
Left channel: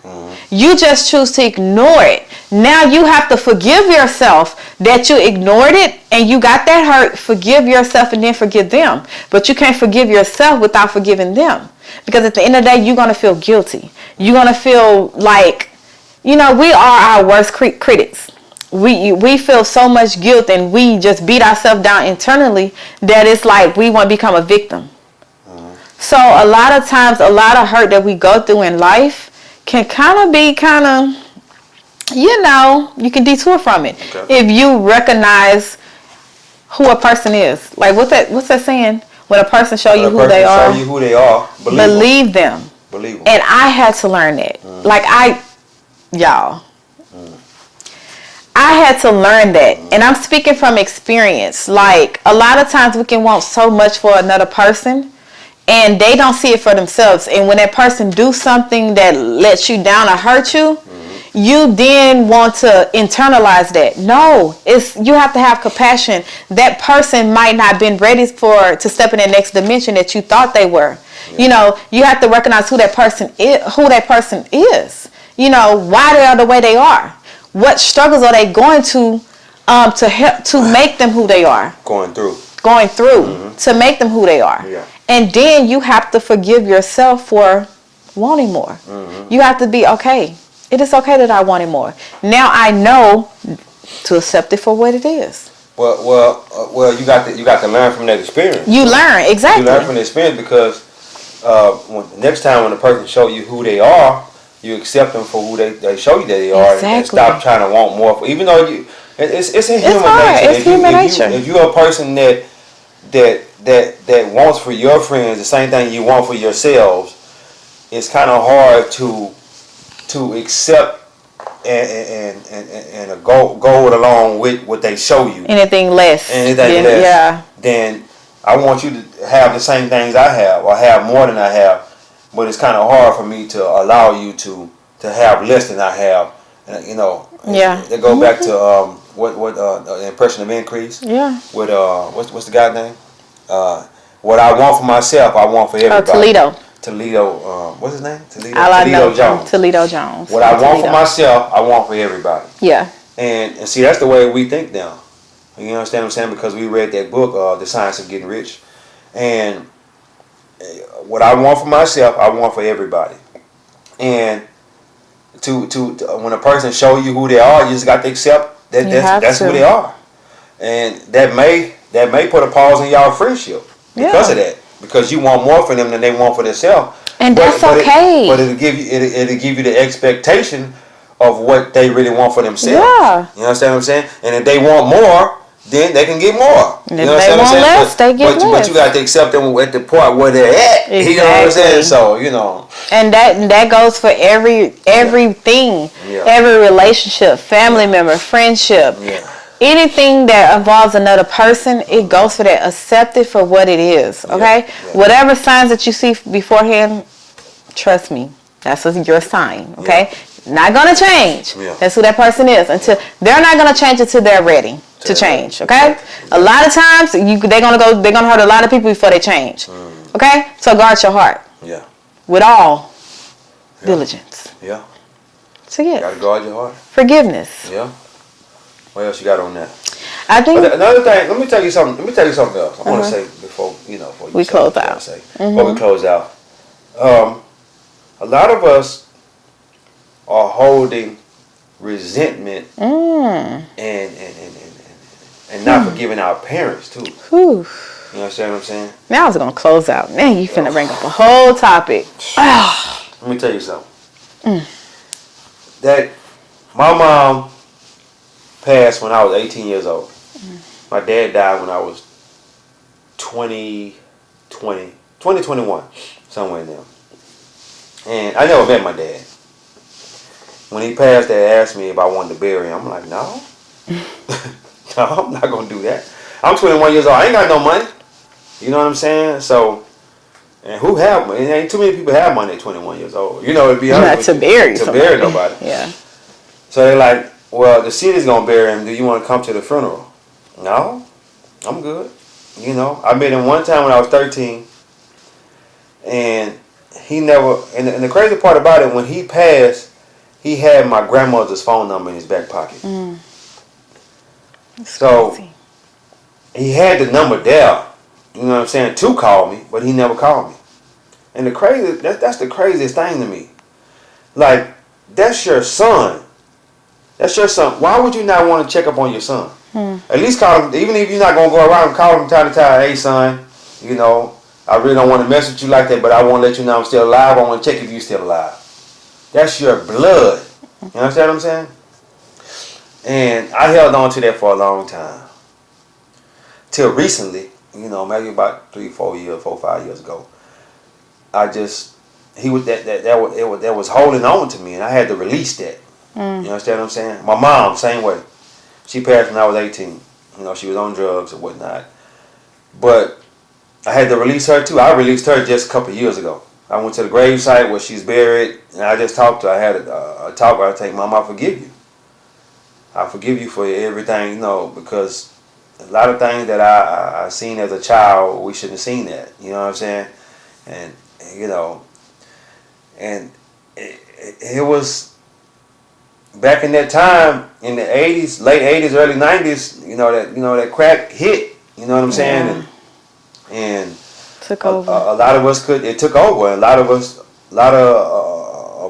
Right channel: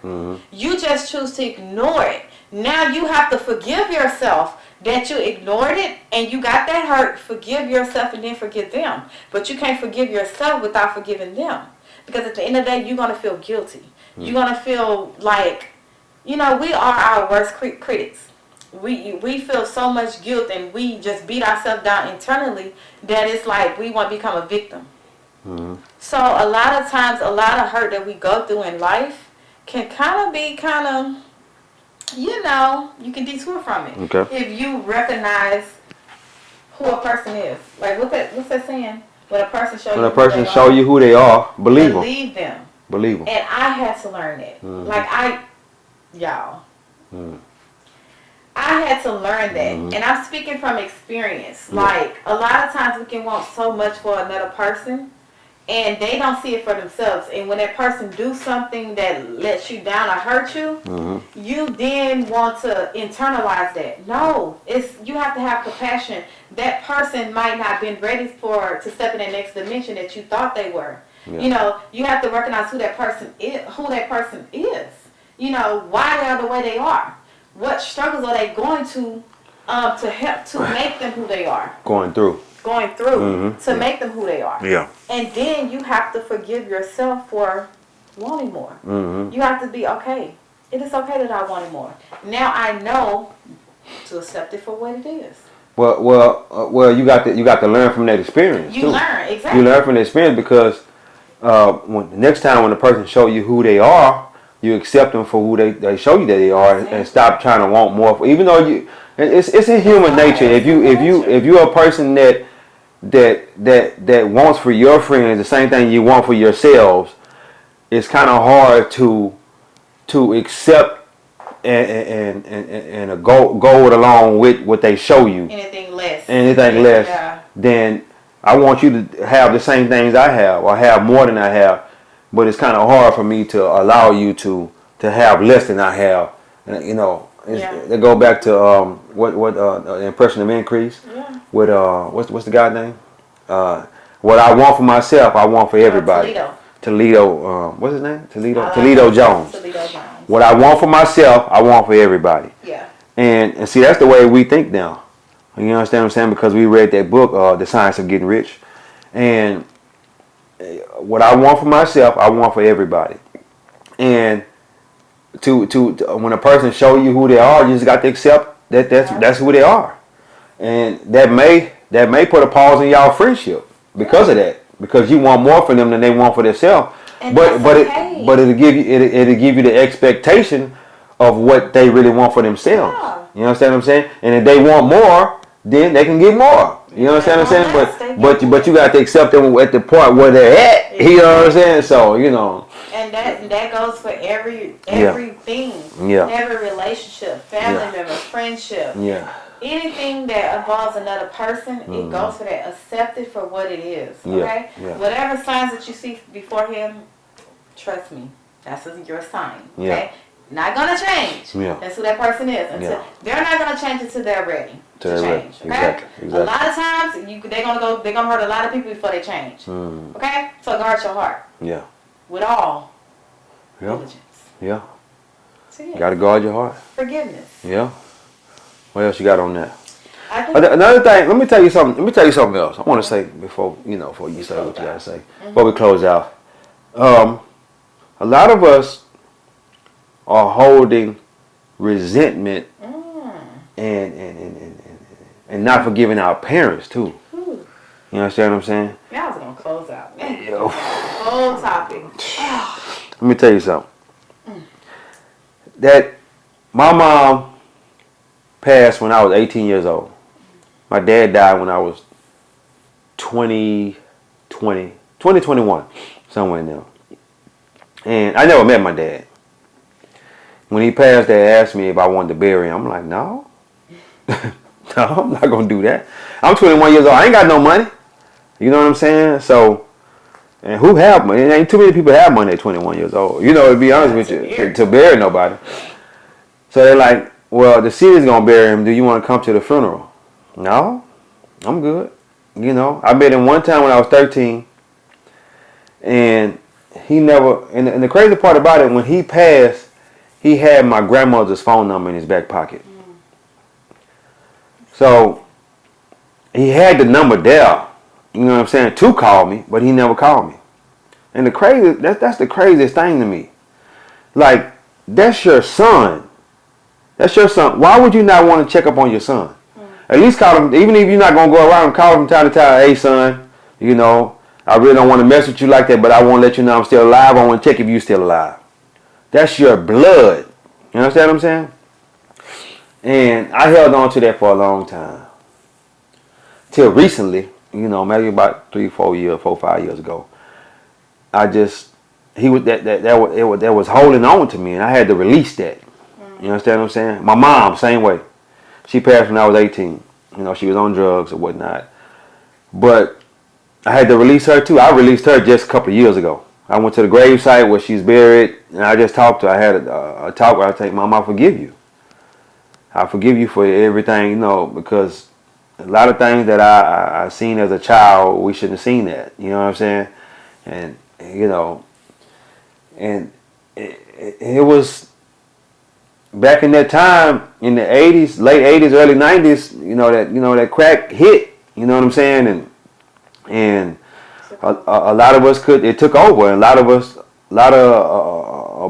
You just choose to ignore it. Now you have to forgive yourself that you ignored it and you got that hurt. Forgive yourself and then forgive them. But you can't forgive yourself without forgiving them. Because at the end of the day, you're going to feel guilty. You're going to feel like, we are our worst critics. We feel so much guilt and we just beat ourselves down internally that it's like we want to become a victim. So a lot of times, a lot of hurt that we go through in life can be you can detour from it. Okay. If you recognize who a person is. Like, what's that saying? When a person show you who they are, believe them. Believe them. And I had to learn that. Like, I had to learn that. And I'm speaking from experience. Like, a lot of times we can want so much for another person and they don't see it for themselves. And when that person do something that lets you down or hurt you, you then want to internalize that. No, you have to have compassion. That person might not have been ready to step in the next dimension that you thought they were. Yeah. You have to recognize who that person is. Why they are the way they are. What struggles are they going to help to make them who they are. Going through to make them who they are. Yeah. And then you have to forgive yourself for wanting more. You have to be okay. It is okay that I wanted more. Now I know to accept it for what it is. Well, you got to learn from that experience. You learn, exactly. You learn from the experience because next time when a person show you who they are, you accept them for who they show you that they are, and stop trying to want more. Even though it's in human nature. If you're a person that wants for your friends the same thing you want for yourselves, it's kind of hard to accept and go along with what they show you. Anything less. Yeah. Then I want you to have the same things I have, or have more than I have. But it's kind of hard for me to allow you to have less than I have. They go back to what impression of increase. Yeah. With what's the guy's name? What I want for myself, I want for everybody. Toledo. What's his name? I like Toledo that. Jones. Toledo Jones. What I want for myself, I want for everybody. Yeah. And see, that's the way we think now. You understand what I'm saying? Because we read that book, The Science of Getting Rich. And what I want for myself, I want for everybody. And to when a person show you who they are, you just got to accept that that's who they are. And that may put a pause in y'all friendship because of that. Because you want more for them than they want for themselves. And that's okay. But it'll give you the expectation of what they really want for themselves. Yeah. You understand what I'm saying? And if they want more, then they can get more. And you understand what I'm saying? But you got to accept them at the point where they're at. Exactly. You know what I'm saying? So, And that goes for everything. Yeah. Every relationship, family member, friendship. Yeah. Anything that involves another person, it goes for that. Accept it for what it is. Okay? Yeah. Whatever signs that you see beforehand, trust me, that's your sign. Okay? Yeah. Not gonna change. Yeah. That's who that person is. Until they're not gonna change until they're ready to change. Okay? Exactly. A lot of times they're gonna hurt a lot of people before they change. Okay? So guard your heart. Yeah. With all diligence. Yeah. So yeah. You gotta guard your heart. Forgiveness. Yeah. What else you got on that? I think another thing. Let me tell you something else. I want to say before we close out. Before we close out, a lot of us are holding resentment and not forgiving our parents too. Whew. You understand what I'm saying? Now I was gonna close out. Man, you finna bring up the whole topic. Let me tell you something. That my mom passed when I was 18 years old. My dad died when I was 21, somewhere in there. And I never met my dad. When he passed, they asked me if I wanted to bury him. I'm like, no. No, I'm not going to do that. I'm 21 years old. I ain't got no money. You know what I'm saying? So, and who have money? Ain't too many people have money at 21 years old. To be honest with you. To bury nobody. Yeah. So they're like, well, the city's going to bury him. Do you want to come to the funeral? No, I'm good. I met him one time when I was 13. And he never, and the crazy part about it, when he passed, he had my grandmother's phone number in his back pocket. So crazy. He had the number there, you know what I'm saying, to call me, but he never called me. And that's the craziest thing to me. Like, that's your son. That's your son. Why would you not want to check up on your son? At least call him, even if you're not going to go around and call him time to time, hey son, I really don't want to mess with you like that, but I want to let you know I'm still alive. I want to check if you're still alive. That's your blood. You understand what I'm saying? And I held on to that for a long time. Till recently, maybe about 3, 4, 5 years ago. He was that was holding on to me, and I had to release that. You understand what I'm saying? My mom, same way. She passed when I was 18. She was on drugs or whatnot. But I had to release her too. I released her just a couple of years ago. I went to the gravesite where she's buried, and I just talked to her. I had a talk where I say, Mom, I forgive you. I forgive you for everything, because a lot of things that I seen as a child, we shouldn't have seen that. You know what I'm saying? And, and it was back in that time, in the 80s, late 80s, early 90s, that crack hit, you know what I'm saying? And took over. A lot of us it took over. A lot of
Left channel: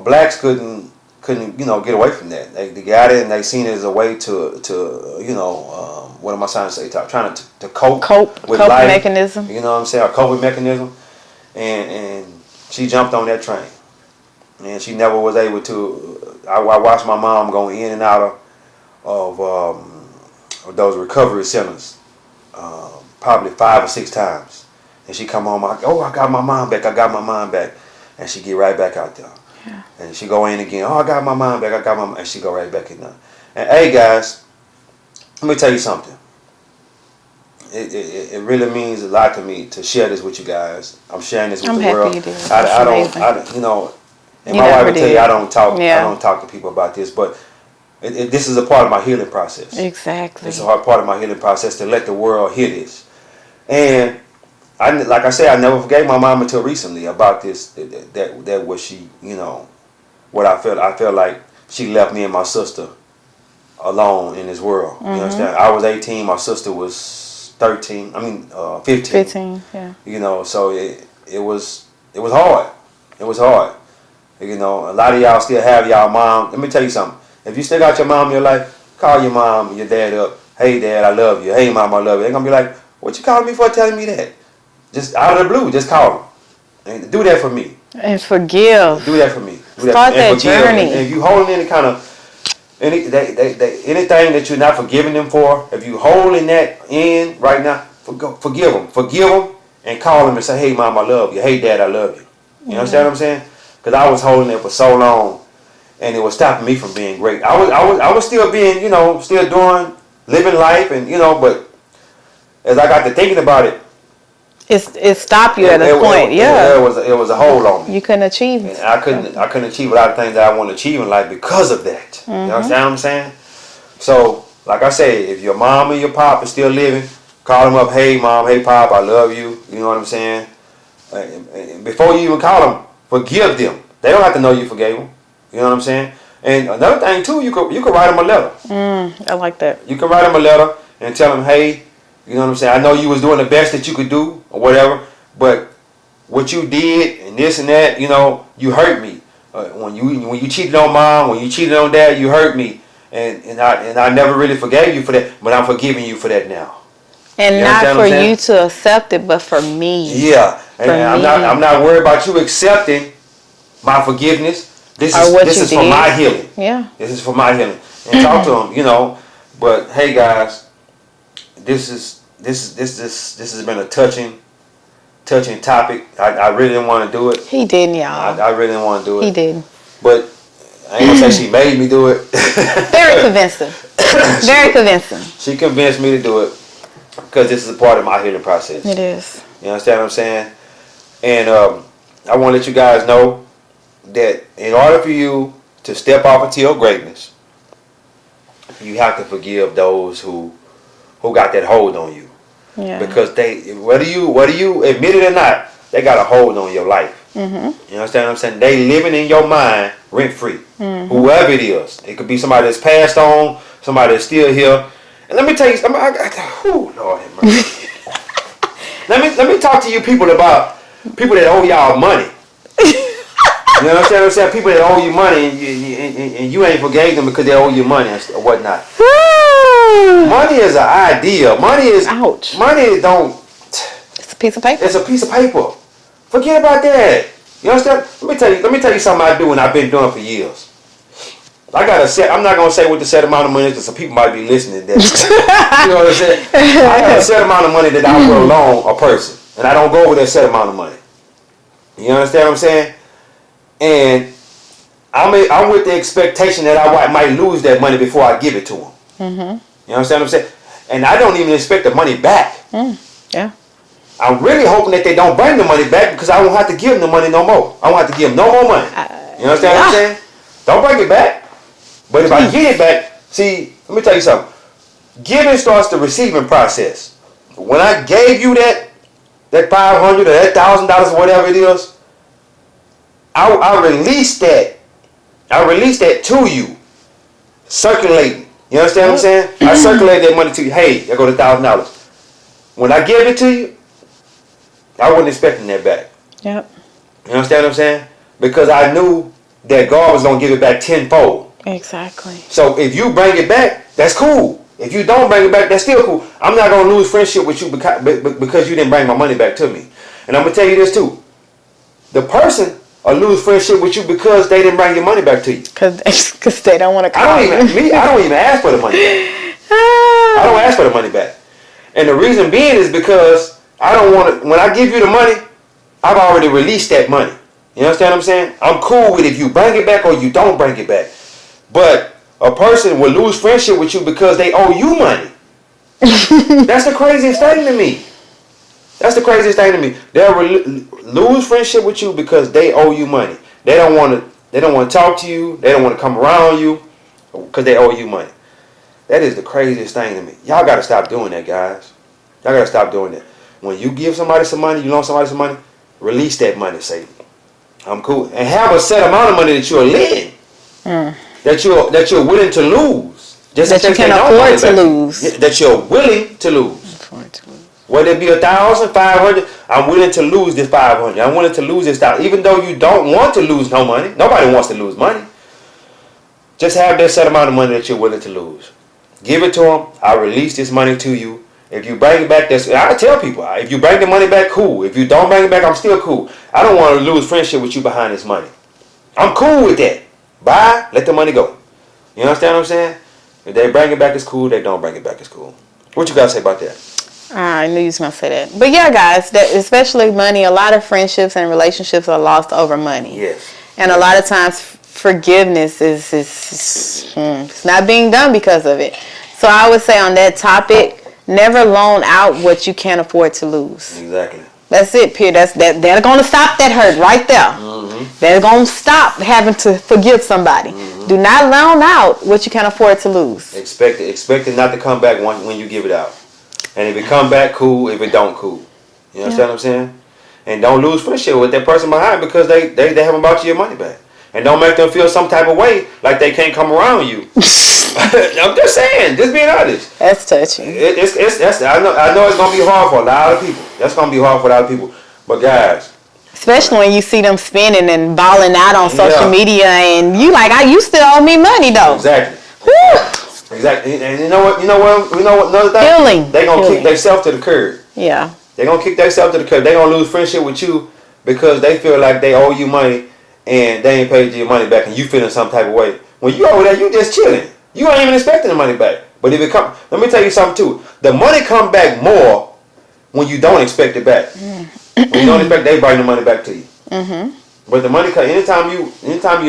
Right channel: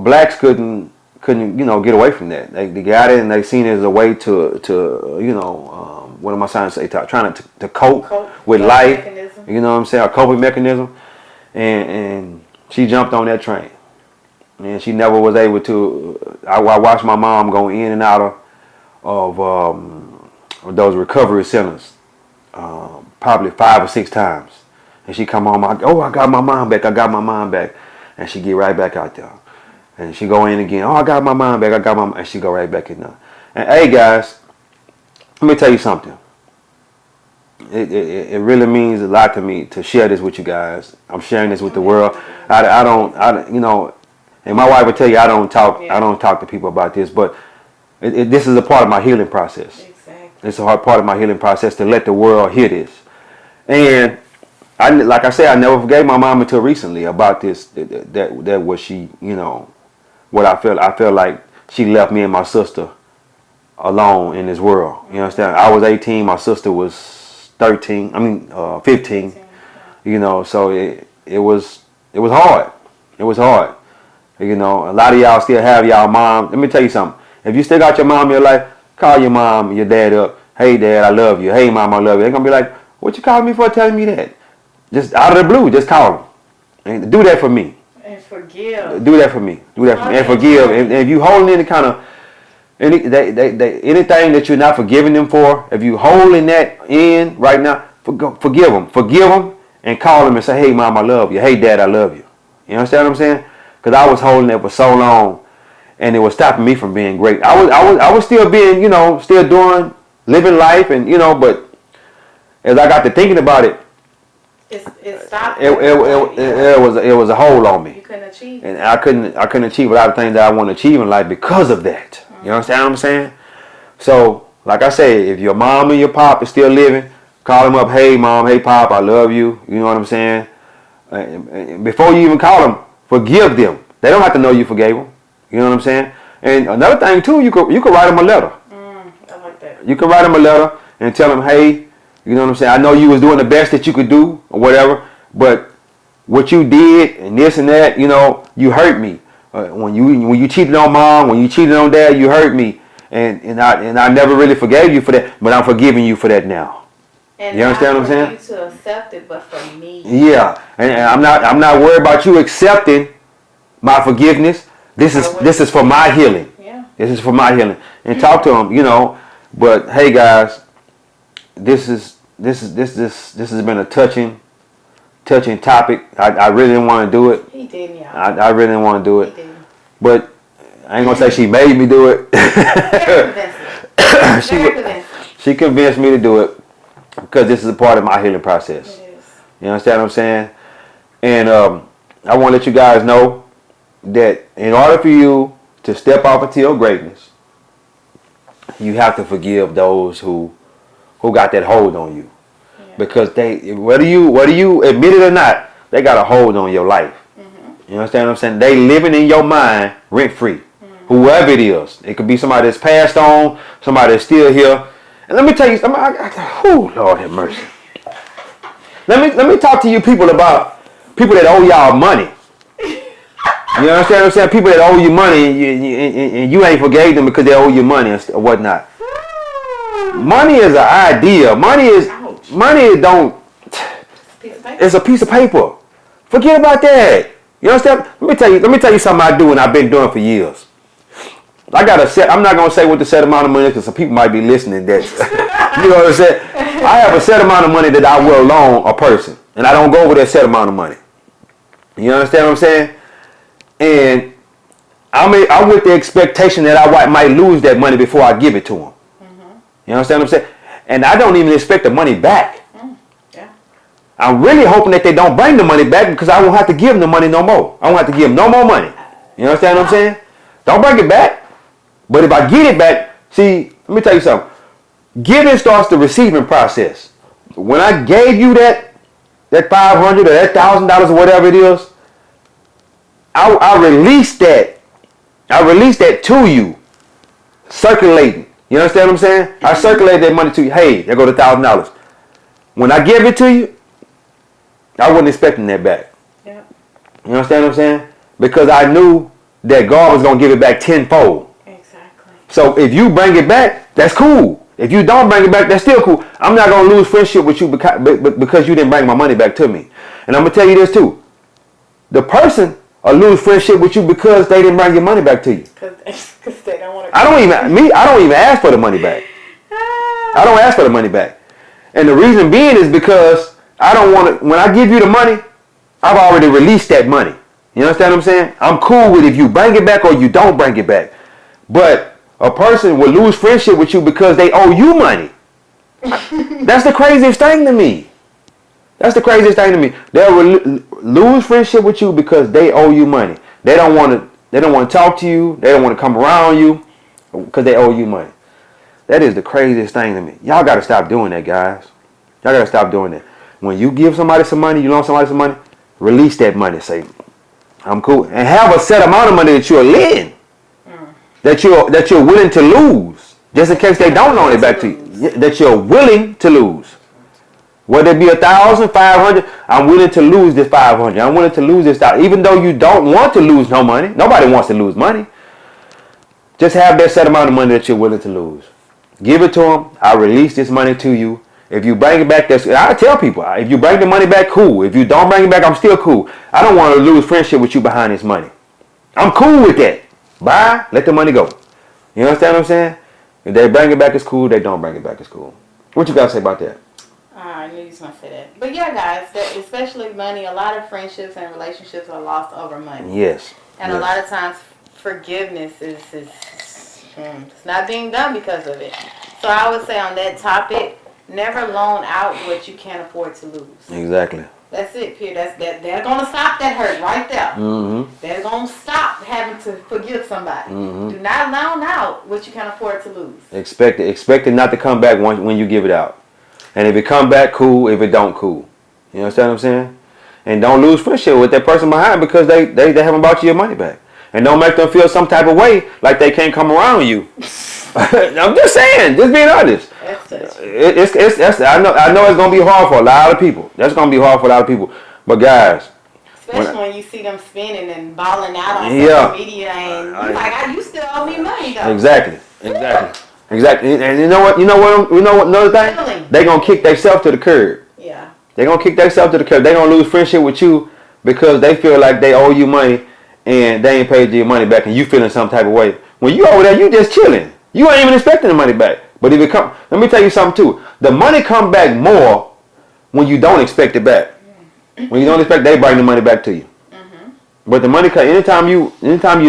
blacks couldn't get away from that. They got it and they seen it as a way to what am I trying to say? Trying to cope with life. Mechanism. You know what I'm saying? A coping mechanism. And she jumped on that train. And she never was able to. I watched my mom go in and out of those recovery centers probably 5 or 6 times. And she come home, I got my mom back. And she get right back out there. Yeah. And she go in again. I got my mom back. And she go right back in there. And hey, guys, let me tell you something. It really means a lot to me to share this with you guys. I'm sharing this with the world. And my wife will tell you I don't talk to people about this, but this is a part of my healing process. Exactly. It's a hard part of my healing process to let the world hear this. And like I said, I never forgave my mom until recently about this. That was she, you know, what I felt. I felt like she left me and my sister alone in this world. You understand? I was 18. My sister was 13. I mean, 15. 15, yeah. You know, so it was hard. It was hard. You know, a lot of y'all still have y'all mom. Let me tell you something. If you still got your mom in your life, call your mom and your dad up. Hey, Dad, I love you. Hey, Mom, I love you. They're going to be like, what you calling me for telling me that? Just out of the blue, just call them. And do that for me. And forgive. Do that for me. Do that for me. And forgive. And if you holding any kind of, anything that you're not forgiving them for, if you holding that in right now, forgive them. Forgive them and call them and say, hey, Mom, I love you. Hey, Dad, I love you. You understand what I'm saying? Because I was holding it for so long, and it was stopping me from being great. I was still being, you know, still doing, living life, and you know, but as I got to thinking about it, it stopped you at a point. Yeah, it was a hold on me. You couldn't achieve it. And I couldn't achieve a lot of things that I want to achieve in life because of that. You understand what I'm saying? So, like I say, if your mom and your pop is still living, call them up. Hey, Mom. Hey, Pop. I love you. You know what I'm saying? And before you even call them, forgive them. They don't have to know you forgave them. You know what I'm saying? And another thing too, you could write them a letter. I like that. You can write them a letter and tell them, hey, you know what I'm saying? I know you was doing the best that you could do or whatever, but what you did and this and that, you know, you hurt me. When you cheated on Mom, when you cheated on Dad, you hurt me, and I never really forgave you for that, but I'm forgiving you for that now. And not for you to accept it, but for me. Yeah, and I'm not worried about you accepting my forgiveness. This is for my healing. Yeah. This is for my healing. And talk to them, you know. But hey, guys, this has been a touching topic. I really didn't want to do it. He didn't, y'all. I really didn't want to do it. He did. But I ain't gonna say she made me do it. Very convincing. Very convincing. She convinced me to do it because this is a part of my healing process. It is. You understand what I'm saying? And I want to let you guys know that in order for you to step off into your greatness, you have to forgive those who got that hold on you. Yeah. Because they, whether you admit it or not, they got a hold on your life. You understand what I'm saying? They living in your mind rent free. Whoever it is, it could be somebody that's passed on, somebody that's still here. And let me tell you, Lord have mercy. let me talk to you people about people that owe y'all money. You understand what I'm saying? People that owe you money and you ain't forgave them because they owe you money or whatnot. Money is an idea. Money is ouch. Money don't. It's a piece of paper. It's a piece of paper. Forget about that. You understand? Let me tell you something I do and I've been doing for years. I got a set. I'm not gonna say what the set amount of money is because some people might be listening. That you know what I'm saying? I have a set amount of money that I will loan a person, and I don't go over that set amount of money. You understand what I'm saying? And I'm with the expectation that I might lose that money before I give it to them. You understand what I'm saying? And I don't even expect the money back. Yeah. I'm really hoping that they don't bring the money back because I won't have to give them the money no more. I won't have to give them no more money. You understand what I'm saying? Don't bring it back. But if I get it back, see, let me tell you something. Giving starts the receiving process. When I gave you that $500 or that $1,000 or whatever it is, I released that. I released that to you, circulating. You understand what I'm saying? I circulated that money to you. Hey, there go the $1,000. When I give it to you, I wasn't expecting that back. Yep. You understand what I'm saying? Because I knew that God was gonna give it back tenfold. Exactly. So if you bring it back, that's cool. If you don't bring it back, that's still cool. I'm not gonna lose friendship with you because you didn't bring my money back to me. And I'm gonna tell you this too. The person will lose friendship with you because they didn't bring your money back to you. Because they don't want to. I don't even ask for the money back. I don't ask for the money back. And the reason being is because I don't want to. When I give you the money, I've already released that money. You understand what I'm saying? I'm cool with if you bring it back or you don't bring it back. But a person will lose friendship with you because they owe you money. That's the craziest thing to me. That's the craziest thing to me. They'll lose friendship with you because they owe you money. They don't want to talk to you. They don't want to come around you because they owe you money. That is the craziest thing to me. Y'all got to stop doing that, guys. Y'all got to stop doing that. when you give somebody some money, you loan somebody some money, release that money. Say, I'm cool. And have a set amount of money that you're lending. That you're willing to lose. Just in case they don't want it back to you. That you're willing to lose. Whether it be 1,500, I'm willing to lose this 500. I'm willing to lose this 1,000. Even though you don't want to lose no money. Nobody wants to lose money. Just have that set amount of money that you're willing to lose. Give it to them. I'll release this money to you. If you bring it back, I tell people, if you bring the money back, cool. If you don't bring it back, I'm still cool. I don't want to lose friendship with you behind this money. I'm cool with that. Bye. Let the money go. You understand what I'm saying? If they bring it back, it's cool. They don't bring it back, it's cool. What you got to say about that? I knew you was going to say that. But yeah, guys, that especially money, a lot of friendships and relationships are lost over money. Yes. And a lot of times forgiveness is it's not being done because of it. So I would say on that topic, never loan out what you can't afford to lose. Exactly. That's it, period. They're going to stop that hurt right there. They're going to stop having to forgive somebody. Do not loan out what you can't afford to lose. Expect it not to come back when you give it out. And if it come back, cool. If it don't, cool. You understand what I'm saying? And don't lose friendship with that person behind because they haven't brought you your money back. And don't make them feel some type of way like they can't come around you. I'm just saying, just being honest. That's touching. I know it's gonna be hard for a lot of people. That's gonna be hard for a lot of people. But guys, especially when you see them spending and balling out on social media, and you like, you still owe me money though. Exactly. And you know what? Another thing. Feeling. They gonna kick themselves to the curb. Yeah. They gonna kick themselves to the curb. They gonna lose friendship with you because they feel like they owe you money and they ain't paid you your money back, and you feeling some type of way. When you over there, you just chilling. You ain't even expecting the money back. But if it come, let me tell you something too. The money come back more when you don't expect it back. When you don't expect, they bring the money back to you. But the money come anytime you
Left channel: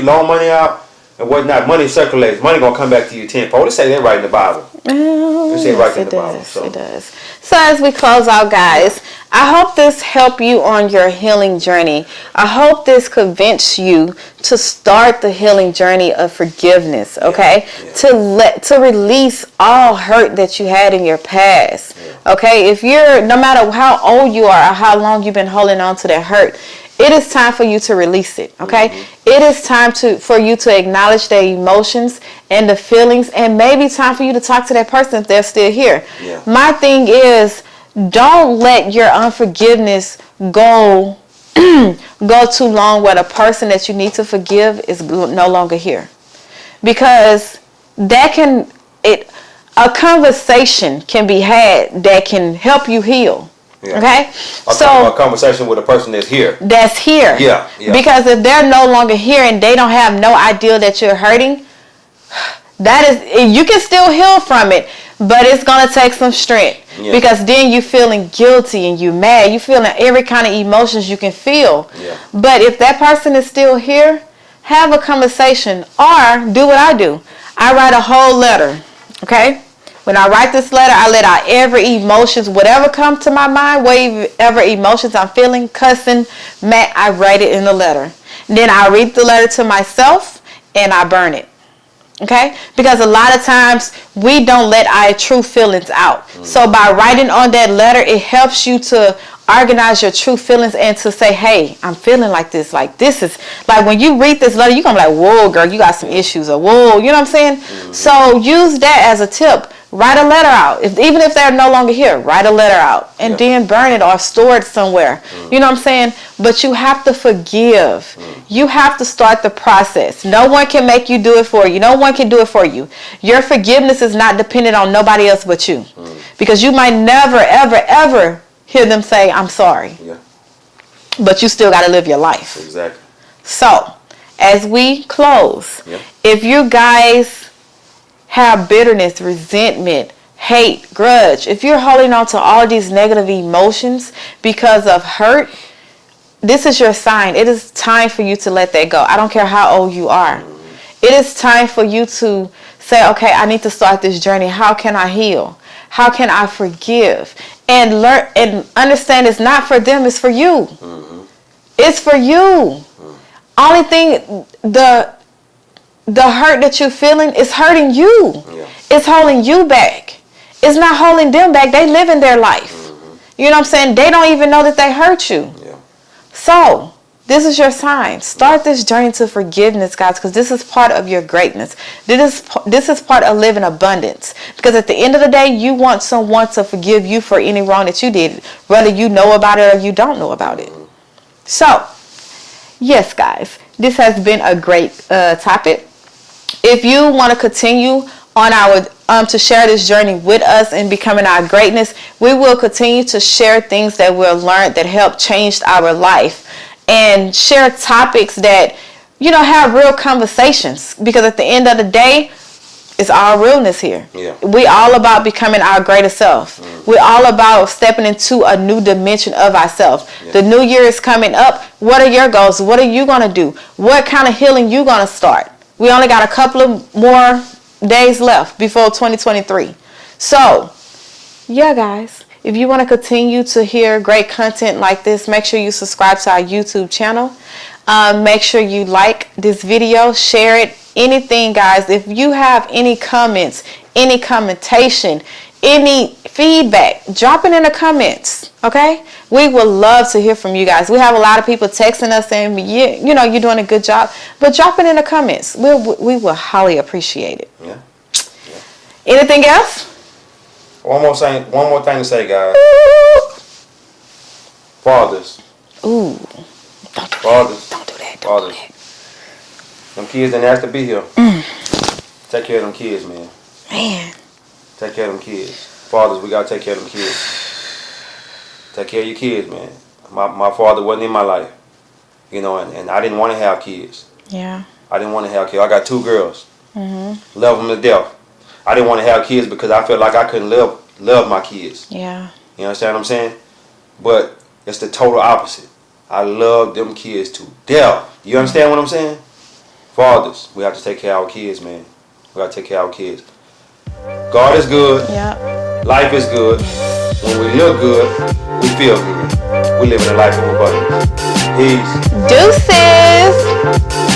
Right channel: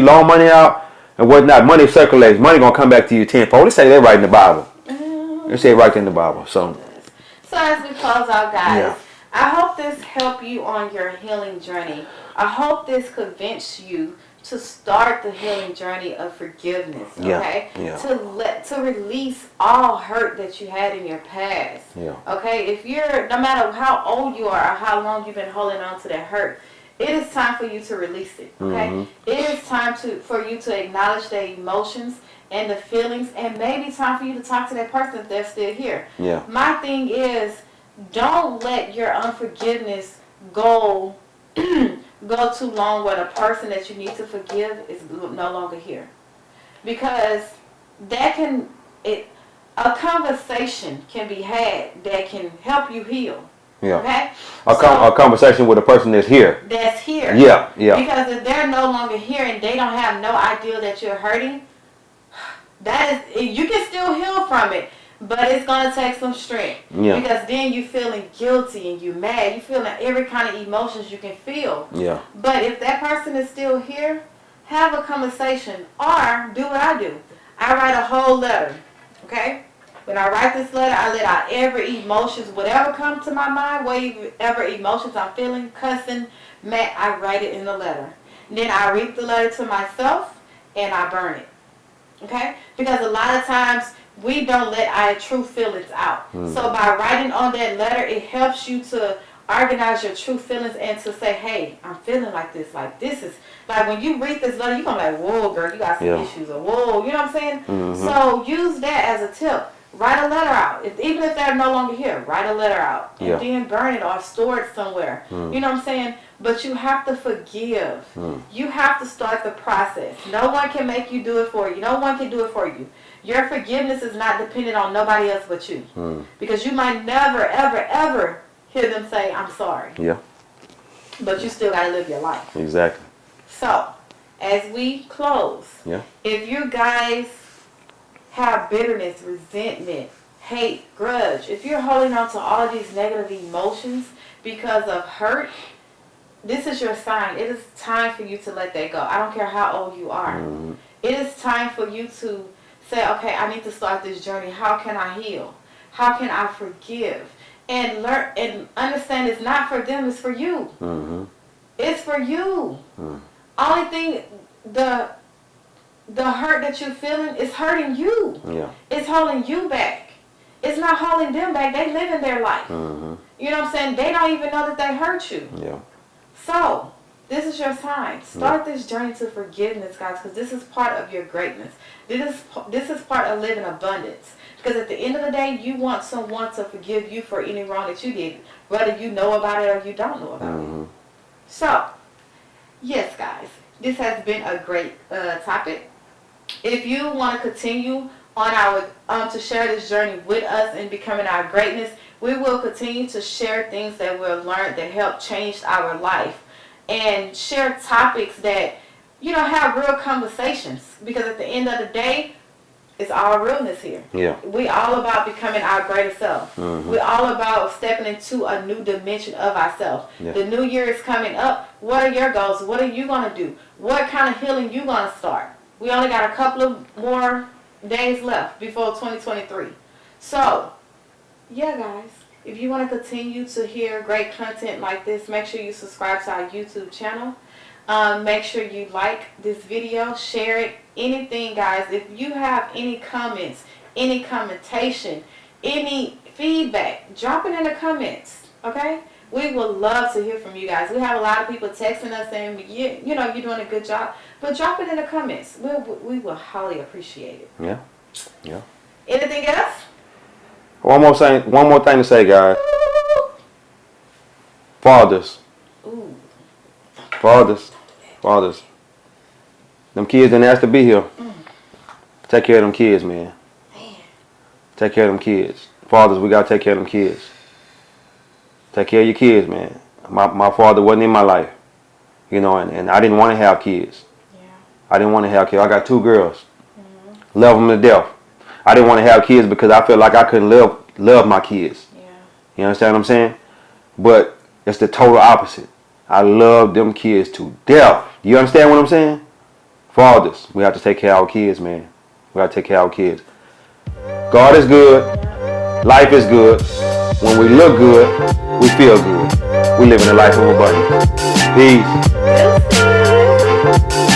loan money out and whatnot, money circulates. Money gonna come back to you tenfold. Let's say that right in the Bible. Let's say right there in the Bible. So it does. So as we close out, guys, I hope this helped you on your healing journey. I hope this convinced you to start the healing journey of forgiveness, okay? To release all hurt that you had in your past, okay? If no matter how old you are or how long you've been holding on to that hurt, it is time for you to release it, okay? It is time for you to acknowledge the emotions and the feelings, and maybe time for you to talk to that person if they're still here. My thing is, don't let your unforgiveness go too long where the person that you need to forgive is no longer here, because a conversation can be had that can help you heal. Okay, a conversation with a person that's here. Yeah. Because if they're no longer here and they don't have no idea that you're hurting, you can still heal from it, but it's gonna take some strength. Because then you feeling guilty and you mad. You feeling every kind of emotions you can feel. But if that person is still here, have a conversation or do what I do. I write a whole letter. Okay. When I write this letter, I let out every emotions, whatever comes to my mind, whatever emotions I'm feeling, cussing, mad, I write it in the letter. Then I read the letter to myself and I burn it. Okay? Because a lot of times we don't let our true feelings out. So by writing on that letter, it helps you to organize your true feelings and to say, hey, I'm feeling like this. Like this is, like when you read this letter, you're going to be like, whoa, girl, you got some issues. Or whoa, you know what I'm saying? So use that as a tip. Write a letter out. Even if they're no longer here, write a letter out and then burn it or store it somewhere. You know what I'm saying? But you have to forgive. You have to start the process. No one can make you do it for you. No one can do it for you. Your forgiveness is not dependent on nobody else but you. Because you might never, ever, ever hear them say, I'm sorry. But you still got to live your life. Exactly. So, as we close, if you guys have bitterness, resentment, hate, grudge, if you're holding on to all these negative emotions because of hurt, this is your sign. It is time for you to let that go. I don't care how old you are. It is time for you to say, okay, I need to start this journey. How can I heal? How can I forgive? And learn and understand it's not for them, it's for you. It's for you. Only thing, the hurt that you're feeling is hurting you. It's holding you back. It's not holding them back. They live in their life. You know what I'm saying? They don't even know that they hurt you. Yeah. So, this is your sign. Start this journey to forgiveness, guys, because this is part of your greatness. This is part of living abundance. Because at the end of the day, you want someone to forgive you for any wrong that you did, whether you know about it or you don't know about it. So, yes, guys, this has been a great topic. If you want to continue on our to share this journey with us in becoming our greatness, we will continue to share things that we've learned that help change our life, and share topics that, you know, have real conversations, because at the end of the day, it's all realness here. Yeah. We all about becoming our greater self. We're all about stepping into a new dimension of ourselves. Yeah. The new year is coming up. What are your goals? What are you going to do? What kind of healing you going to start? We only got a couple of more days left before 2023. So, yeah, guys, if you want to continue to hear great content like this, make sure you subscribe to our YouTube channel. Make sure you like this video, share it, anything, guys. If you have any comments, any commentation, any feedback, drop it in the comments, okay? We would love to hear from you guys. We have a lot of people texting us saying, yeah, you know, you're doing a good job, but drop it in the comments. We will highly appreciate it. Yeah. Yeah. Anything else? One more thing to say, guys. Fathers. Ooh. Fathers. Don't do that. Fathers. Them kids didn't ask to be here. Take care of them kids, man. Man. Take care of them kids. Fathers, we gotta take care of them kids. Take care of your kids, man. My father wasn't in my life, you know, and I didn't want to have kids. Yeah. I didn't want to have kids. I got 2 girls. Love them to death. I didn't want to have kids because I felt like I couldn't love my kids. Yeah. You understand what I'm saying? But it's the total opposite. I love them kids to death. You understand what I'm saying? Fathers, we have to take care of our kids, man. We got to take care of our kids. God is good. Yeah. Life is good. When we look good, we feel good. We live in a life of abundance. Peace. Deuces.